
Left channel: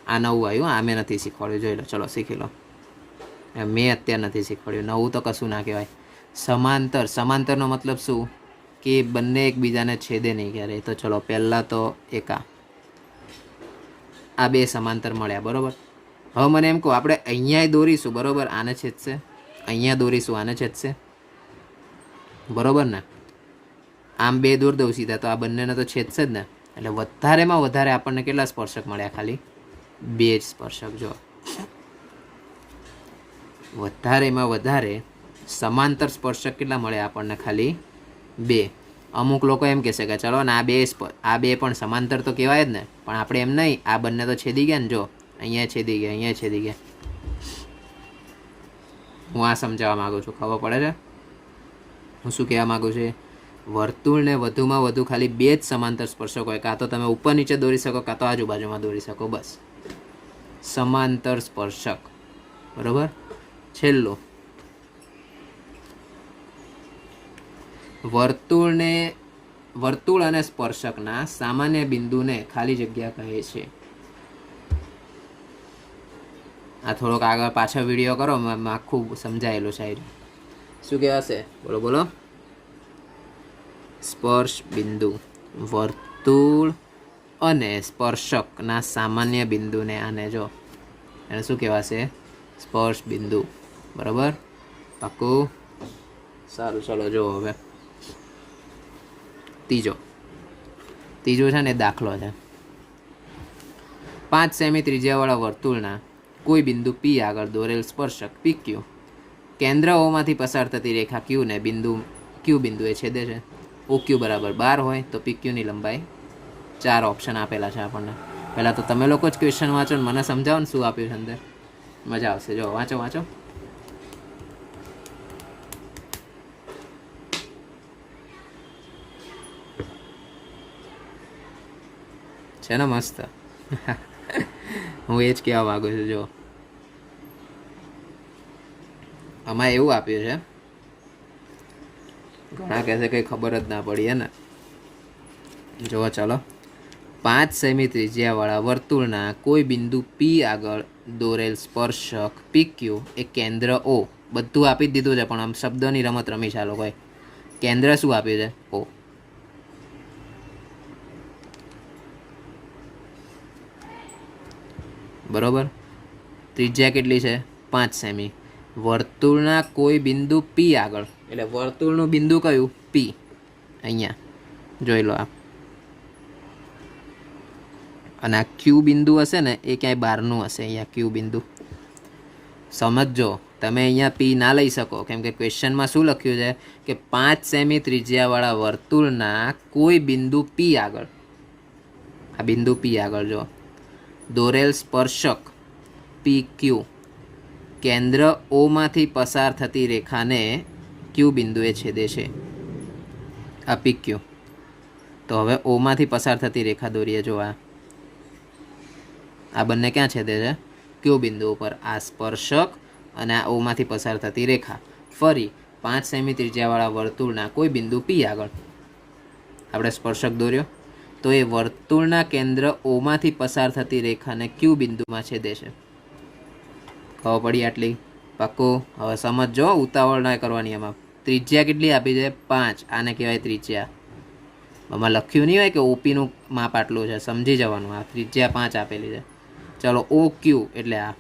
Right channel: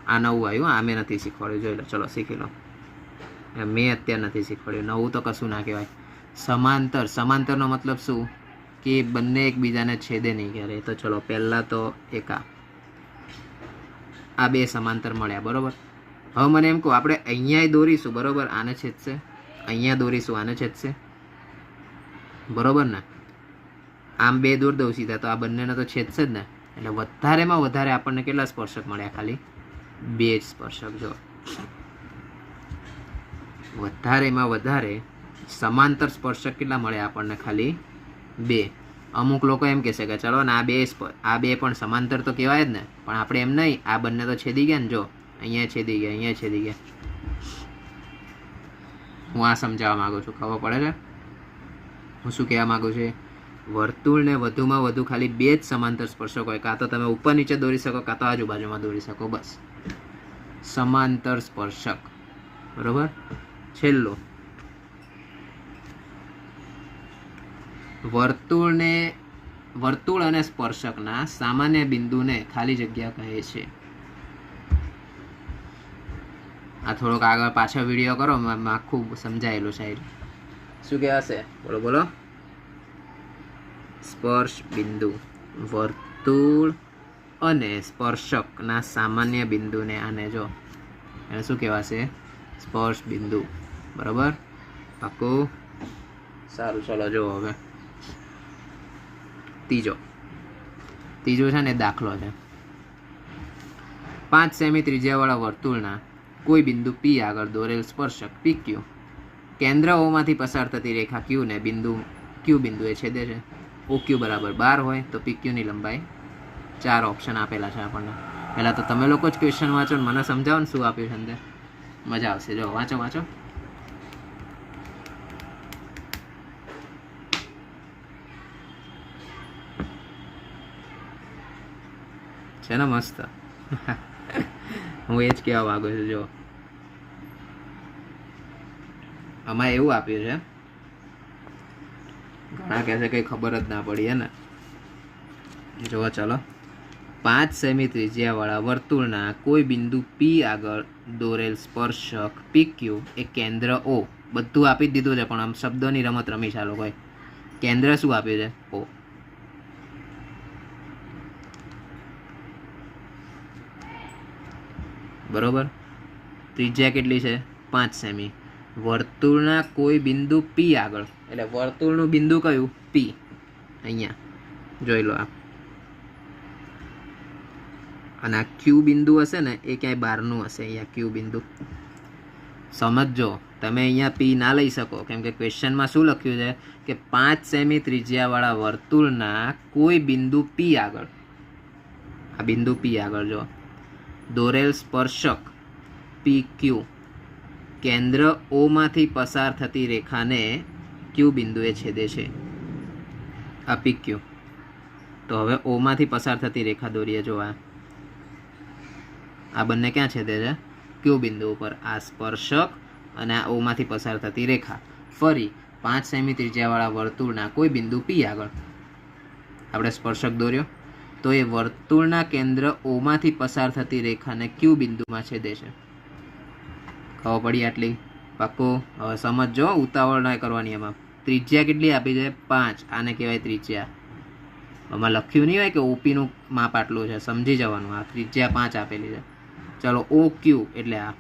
આ નવું આવ્યું. આ મેં નથી શીખવાડ્યું. જોઈ લો. ચલો શીખી લો. મેં અત્યારે નથી શીખવાડ્યું. નવું તો કશું ના કહેવાય. સમાંતર. સમાંતરનો મતલબ શું? કે બંને એકબીજાને છેદે નહીં ક્યારે. તો ચલો પહેલાં તો એકા, આ બે સમાંતર મળ્યા. બરાબર. હવે મને એમ કહો, આપણે અહીંયા દોરીશું. બરાબર. આને છેદશે. અહીંયા દોરીશું. આને છેદશે. બરાબર ને? આમ બે દોર દઉં સીધા તો આ બંનેને તો છેદશે જ ને. એટલે વધારેમાં વધારે આપણને કેટલા સ્પર્શક મળ્યા? ખાલી બે જ સ્પર્શક. જો વધારેમાં વધારે સમાંતર સ્પર્શક કેટલા મળ્યા આપણને? ખાલી બે. અમુક લોકો એમ કહેશે કે ચલો ને આ બે પણ સમાંતર તો કહેવાય જ ને, પણ આપણે એમ નહીં. આ બંને તો છેદી ગયા ને. જો અહીંયા છેદી ગયા, અહીંયા છેદી ગયા. હું આ સમજાવવા માગું છું. ખબર પડે છે હું શું કહેવા માગું છું? વર્તુળને વધુમાં વધુ ખાલી બે જ સમાંતર સ્પર્શક હોય. કાં તો તમે ઉપર નીચે દોરી શકો, કાં તો આજુબાજુમાં દોરી શકો. બસ સમાંતર સ્પર્શક. બરાબર. છેલ્લું, વર્તુળ અને સ્પર્શકના સામાન્ય બિંદુને ખાલી જગ્યા કહે છે. આ થોડોક આગળ પાછળ વિડીયો કરો, આખું સમજાયેલું છે. શું કહેવાશે? બોલો બોલો. સ્પર્શ બિંદુ. વર્તુળ અને સ્પર્શકના સામાન્ય બિંદુને, આને જો એને શું કહેવાશે? સ્પર્શ બિંદુ. બરાબર. પાકું. સારું. ચલો જો હવે ત્રીજો છે ને દાખલો છે. 5 સેમી ત્રિજ્યાવાળા વર્તુળના કોઈ બિંદુ પી આગળ દોરેલ સ્પર્શક PQ કેન્દ્ર ઓમાંથી પસાર થતી રેખા Q ને Q બિંદુએ છેદે છે. OQ બરાબર 12 હોય તો PQ ની લંબાઈ 4 ઓપ્શન આપેલા છે આપણને. પહેલાં તો તમે લોકો જ ક્વેશ્ચન વાંચો ને મને સમજાવો ને શું આપ્યું છે અંદર. મજા આવશે. જો વાંચો. છે ને મસ્ત. હું એ જ કહેવા માગું છું. જો આમાં એવું આપ્યું છે, ઘણા કહેશે કંઈ ખબર જ ના પડી. હે ને? જુઓ ચાલો. 5 સેમી ત્રિજ્યાવાળા વર્તુળના કોઈ બિંદુ P આગળ દોરેલ સ્પર્શક PQ એ કેન્દ્ર O. બધું આપી જ દીધું છે, પણ આમ શબ્દોની રમત રમી છે આ લોકોએ. કેન્દ્ર શું આપ્યું છે? O. બરોબર. ત્રિજ્યા કેટલી છે? 5 સેમી. વર્તુળના કોઈ બિંદુ P આગળ, એટલે વર્તુળનું બિંદુ કયું? P. અહીંયા જોઈ લો આ. અને આ Q બિંદુ હશે ને એ ક્યાંય બહારનું હશે. અહીંયા Q બિંદુ સમજો. તમે અહીંયા P ના લઈ શકો, કેમ કે ક્વેશ્ચનમાં શું લખ્યું છે કે 5 સેમી ત્રિજ્યાવાળા વર્તુળના કોઈ બિંદુ P આગળ, આ બિંદુ P આગળ જો દોરેલ સ્પર્શક PQ કેન્દ્ર O માંથી પસાર થતી રેખાને Q બિંદુએ છેદે છે. આ PQ. તો હવે O માંથી પસાર થતી રેખા દોરીએ. જો આ બંને ક્યાં છેદે છે? Q બિંદુ ઉપર. આ સ્પર્શક અને આ O માંથી પસાર થતી રેખા. ફરી 5 સેમી ત્રિજ્યાવાળા વર્તુળના કોઈ બિંદુ P આગળ આપણે સ્પર્શક દોર્યો, તો એ વર્તુળના કેન્દ્ર O માંથી પસાર થતી રેખાને Q બિંદુમાં છેદે છે. ખબર પડી આટલી? પાક્કું? હવે સમજો, ઉતાવળ ના કરવાની. એમાં ત્રિજ્યા કેટલી આપી છે? 5. આને કહેવાય ત્રિજ્યા. આમાં લખ્યું નહીં હોય કે ઓપીનું માપ આટલું છે, સમજી જવાનું. આ ત્રિજ્યા 5 આપેલી છે. ચલો, ઓ ક્યુ એટલે આ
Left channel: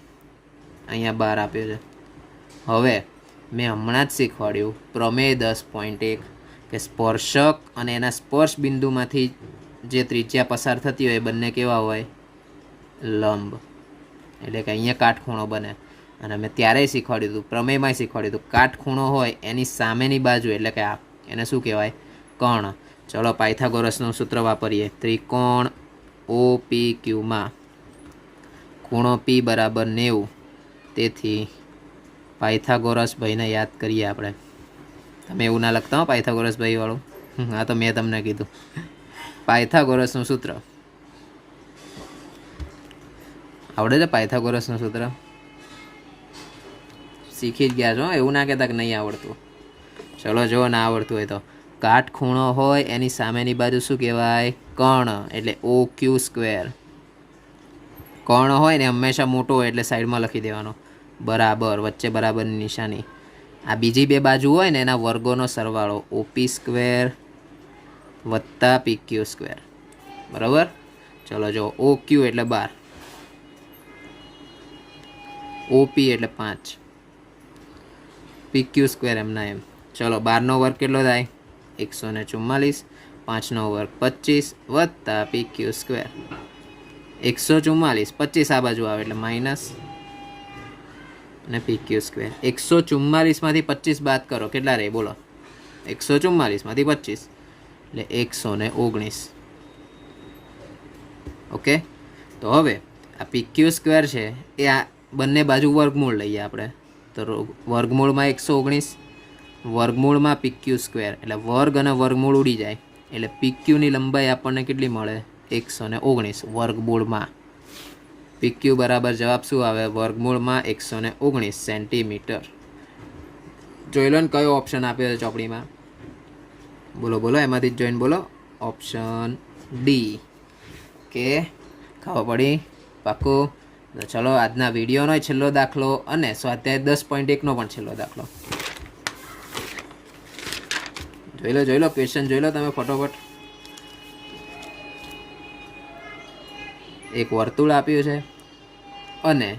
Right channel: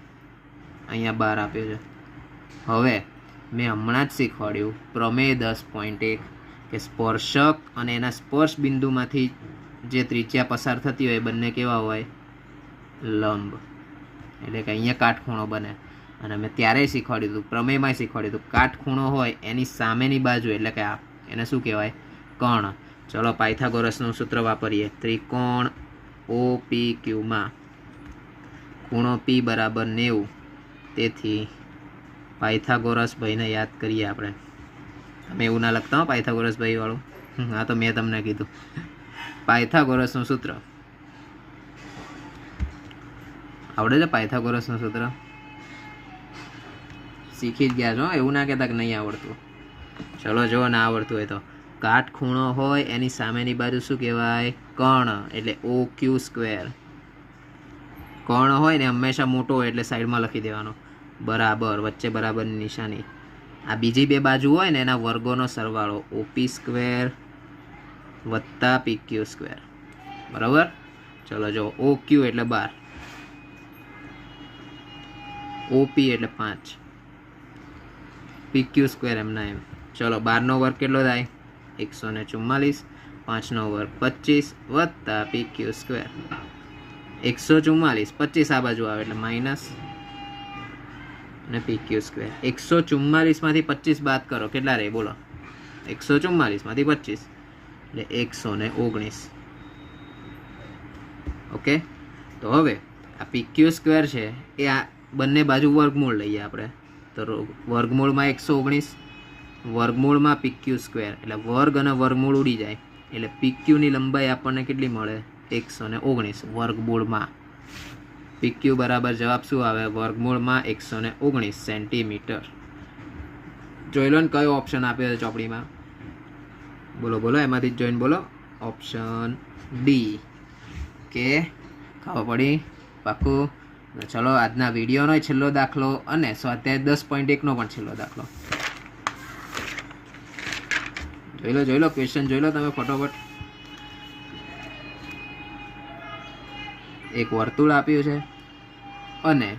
અહીંયા 12 આપ્યો છે. હવે મેં હમણાં જ શીખવાડ્યું પ્રમેય 10.1 કે સ્પર્શક અને એના સ્પર્શ બિંદુમાંથી જે ત્રિજ્યા પસાર થતી હોય એ બંને કેવા હોય? લંબ. એટલે કે અહીંયા કાટખૂણો બને. અને મેં ત્યારેય શીખવાડ્યું હતું, પ્રમેયમાં શીખવાડ્યું હતું, કાટખૂણો હોય એની સામેની બાજુ એટલે કે આ, એને શું કહેવાય? કર્ણ. ચલો પાયથાગોરસનું સૂત્ર વાપરીએ. ત્રિકોણ ઓ પી ક્યુમાં ખૂણો પી બરાબર 90. તેથી પાયથાગોરસ ભાઈને યાદ કરીએ આપણે. તમે એવું ના લખતા હો પાયથાગોરસ ભાઈ વાળું. હા, તો મેં તમને કીધું. પાયથાગોરસનું સૂત્ર આવડે છે? પાયથાગોરસનું સૂત્ર શીખી જ ગયા છો, એવું ના કહેતા કે નહીં આવડતું. ચલો જો ના આવડતું હોય તો, કાટખૂણો હોય એની સામેની બાજુ શું કહેવાય? કર્ણ. એટલે ઓ ક્યુ સ્ક્વેર. કર્ણ હોય ને હંમેશા મોટો હોય એટલે સાઈડમાં લખી દેવાનો બરાબર, વચ્ચે બરાબરની નિશાની. આ બીજી બે બાજુ હોય ને એના વર્ગોનો સરવાળો ઓપી સ્ક્વેર વત્તા પી ક્યુ સ્ક્વેર. બરાબર? ચલો જો, ઓ ક્યુ એટલે 12, ઓપી એટલે 5, પી ક્યુ સ્ક્વેર એમના એમ. ચલો 12નો વર્ગ કેટલો થાય? 144. 5નો વર્ગ 25 વત્તા પી ક્યુ સ્ક્વેર 144. 25 આ બાજુ આવે એટલે માઇનસ અને પી ક્યુ સ્ક્વેર. 144માંથી 25 બાદ કરો, કેટલા રહે બોલો? 144માંથી 25 એટલે 119. ઓકે, તો હવે આ પી ક્યુ સ્ક્વેર છે એ આ બંને બાજુ વર્ગમૂળ લઈએ આપણે. તો વર્ગમૂળમાં 119, વર્ગમૂળમાં પી ક્યુ સ્ક્વેર એટલે વર્ગ અને વર્ગમૂળ ઉડી જાય એટલે પી ક્યુની લંબાઈ આપણને કેટલી મળે? 119 વર્ગમૂળમાં. પી ક્યુ બરાબર જવાબ શું આવે? વર્ગમૂળમાં 119 સેન્ટીમીટર. જોઈ લો ને કયો ઓપ્શન આપ્યો છે ચોપડીમાં. બોલો બોલો, એમાંથી જ જોઈને બોલો. Option D. કે ખબર પડી? પાક્કું? ચલો આજના વિડીયોનો છેલ્લો દાખલો અને સ્વાધ્યાય 10.1નો પણ છેલ્લો દાખલો જોઈ લો ક્વેશ્ચન જોઈ લો તમે ફટોફટ. એક વર્તુળ આપ્યું છે અને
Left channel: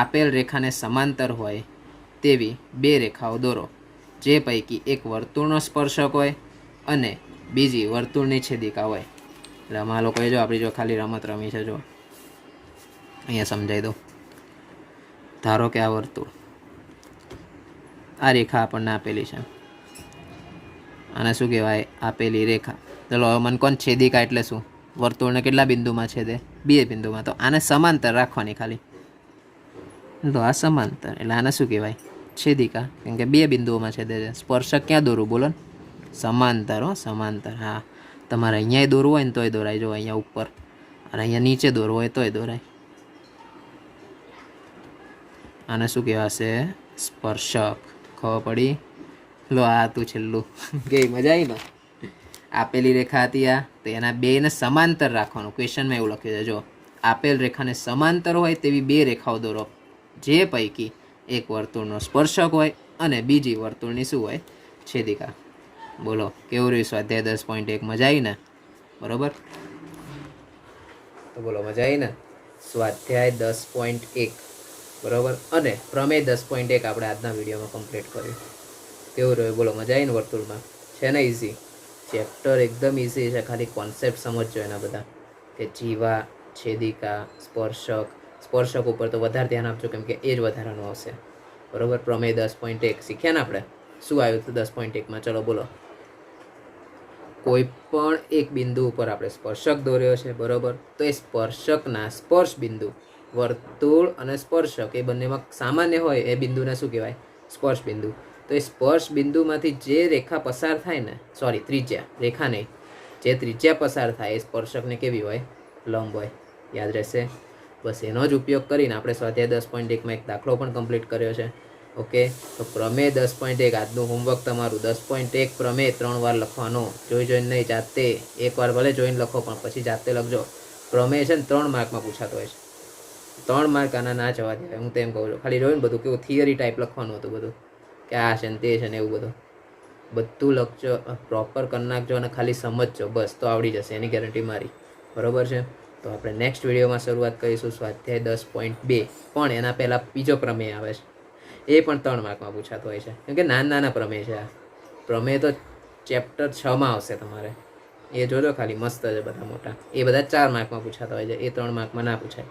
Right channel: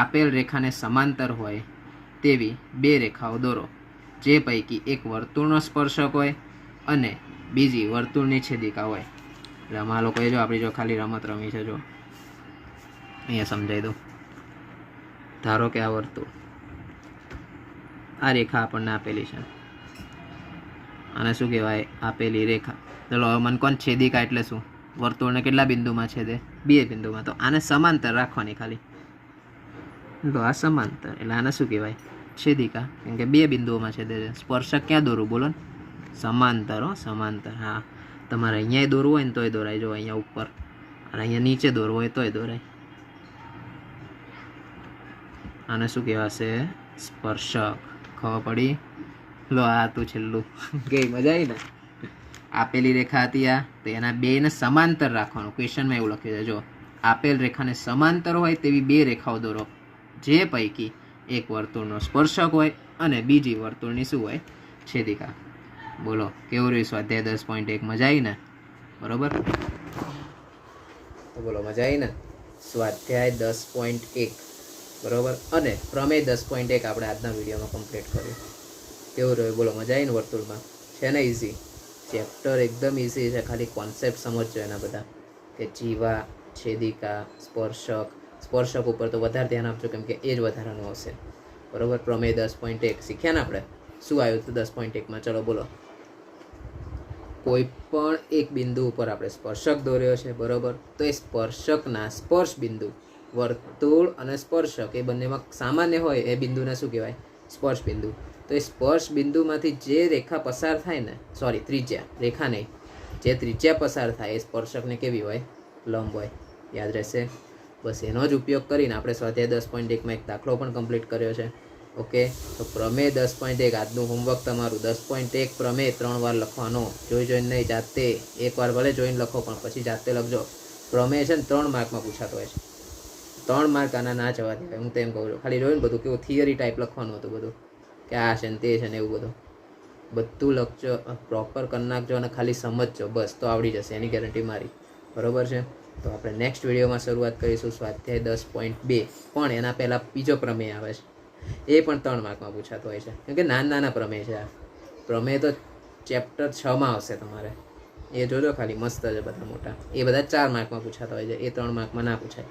આપેલ રેખાને સમાંતર હોય તેવી બે રેખાઓ દોરો, જે પૈકી એક વર્તુળનો સ્પર્શક હોય અને બીજી વર્તુળની છેદિકા હોય. એટલે આમાં લોકોએ જો આપણી જો ખાલી રમત રમી છે, જો અહીંયા સમજાવી દઉં. ધારો કે આ વર્તુળ, આ રેખા આપણને આપેલી છે, આને શું કહેવાય? આપેલી રેખા. ચલો હવે મને કોણ છેદિકા એટલે શું? વર્તુળને કેટલા બિંદુમાં છેદે? 2 બિંદુમાં. તો આને સમાંતર રાખવાની ખાલી. તો આ સમાંતર એટલે આને શું કહેવાય? છેદિકા, કેમ કે 2 બિંદુઓમાં છેદે છે. સ્પર્શક ક્યાં દોરું બોલો ને? સમાંતર. હો, સમાંતર. હા, તમારે અહીંયા દોરવું હોય ને તોય દોરાય. જો અહીંયા ઉપર અને અહીંયા નીચે દોરવું હોય તોય દોરાય. આને શું કહેવાશે? સ્પર્શક. ખબર પડી? લો આ હતું છેલ્લું. ગઈ મજા આવી ને? આપેલી રેખા હતી આ, તો એના બેને સમાંતર રાખવાનું. ક્વેશ્ચનમાં એવું લખ્યું છે, જો આપેલ રેખાને સમાંતર હોય તેવી 2 રેખાઓ દોરો, જે પૈકી એક વર્તુળનો સ્પર્શક હોય અને બીજી વર્તુળની શું હોય? છેદિકા. બોલો કેવું રહ્યું સ્વાધ્યાય 10.1? મજા આવી ને? બરોબર, તો બોલો મજા આવી ને? સ્વાધ્યાય 10.1 બરોબર અને પ્રમેય 10.1 આપણે આજના વિડીયોમાં કમ્પ્લીટ કર્યું. કેવું રહ્યું બોલો? મજા આવી ને? વર્તુળમાં છે ને ઇઝી ચેપ્ટર, એકદમ ઇઝી છે. ખાલી કોન્સેપ્ટ સમજજો એના બધા, કે જીવા, છેદિકા, સ્પર્શક. સ્પર્શક ઉપર તો વધારે ધ્યાન આપજો, કેમ કે એ જ વધારાનું આવશે. બરોબર, પ્રમેય 10.1 શીખ્યા ને આપણે? શું આવ્યું હતું 10.1માં? ચલો બોલો. કોઈ પણ એક બિંદુ ઉપર આપણે સ્પર્શક દોર્યો છે, બરોબર, તો એ સ્પર્શકના સ્પર્શ બિંદુ, વર્તુળ અને સ્પર્શક એ બંનેમાં સામાન્ય હોય એ બિંદુને શું કહેવાય? સ્પર્શ બિંદુ. તો એ સ્પર્શ બિંદુમાંથી જે રેખા પસાર થાય ને, સોરી ત્રિજ્યા, રેખા નહીં, જે ત્રિજ્યા પસાર થાય એ સ્પર્શકને કેવી હોય? લંબ હોય. યાદ રહેશે? બસ એનો જ ઉપયોગ કરીને આપણે સ્વાધ્યાય 10.1માં એક દાખલો પણ કમ્પ્લીટ કર્યો છે. ઓકે, તો પ્રમેય 10.1 આજનું હોમવર્ક તમારું. 10.1 પ્રમેય 3 વાર લખવાનો, જોઈને નહીં, જાતે. એકવાર ભલે જોઈને લખો પણ પછી જાતે લખજો. પ્રમેય છે ને 3 માર્કમાં પૂછાતો હોય છે. 3 માર્ક આના ના જવા દેવાય. હું તો એમ કહું છું. ખાલી જોયું ને બધું કેવું થિયરી ટાઈપ લખવાનું હતું બધું, કે આ છે ને તે છે ને એવું બધું લખજો, પ્રોપર કરી નાખજો અને ખાલી સમજજો, બસ તો આવડી જશે, એની ગેરંટી મારી. બરોબર છે. તો આપણે નેક્સ્ટ વિડીયોમાં શરૂઆત કરીશું સ્વાધ્યાય 10.2, પણ એના પહેલાં બીજો પ્રમેય આવે છે, એ પણ 3 માર્કમાં પૂછાતો હોય છે, કેમ કે નાના પ્રમેય છે. આ પ્રમેય તો ચેપ્ટર 6માં આવશે તમારે, એ જોજો ખાલી, મસ્ત છે બધા મોટા. એ બધા 4 માર્કમાં પૂછાતા હોય છે, એ 3 માર્કમાં ના પૂછાય.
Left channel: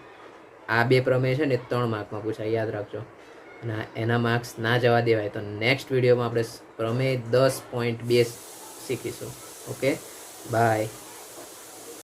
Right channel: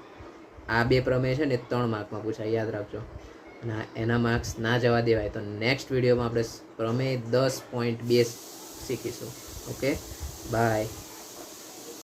આ 2 પ્રમેય છે ને એ 3 માર્કમાં પૂછાય, યાદ રાખજો. અને એના માર્ક્સ ના જવા દેવાય. તો નેક્સ્ટ વિડીયોમાં આપણે પ્રમેય 10.2 શીખીશું. Okay, by.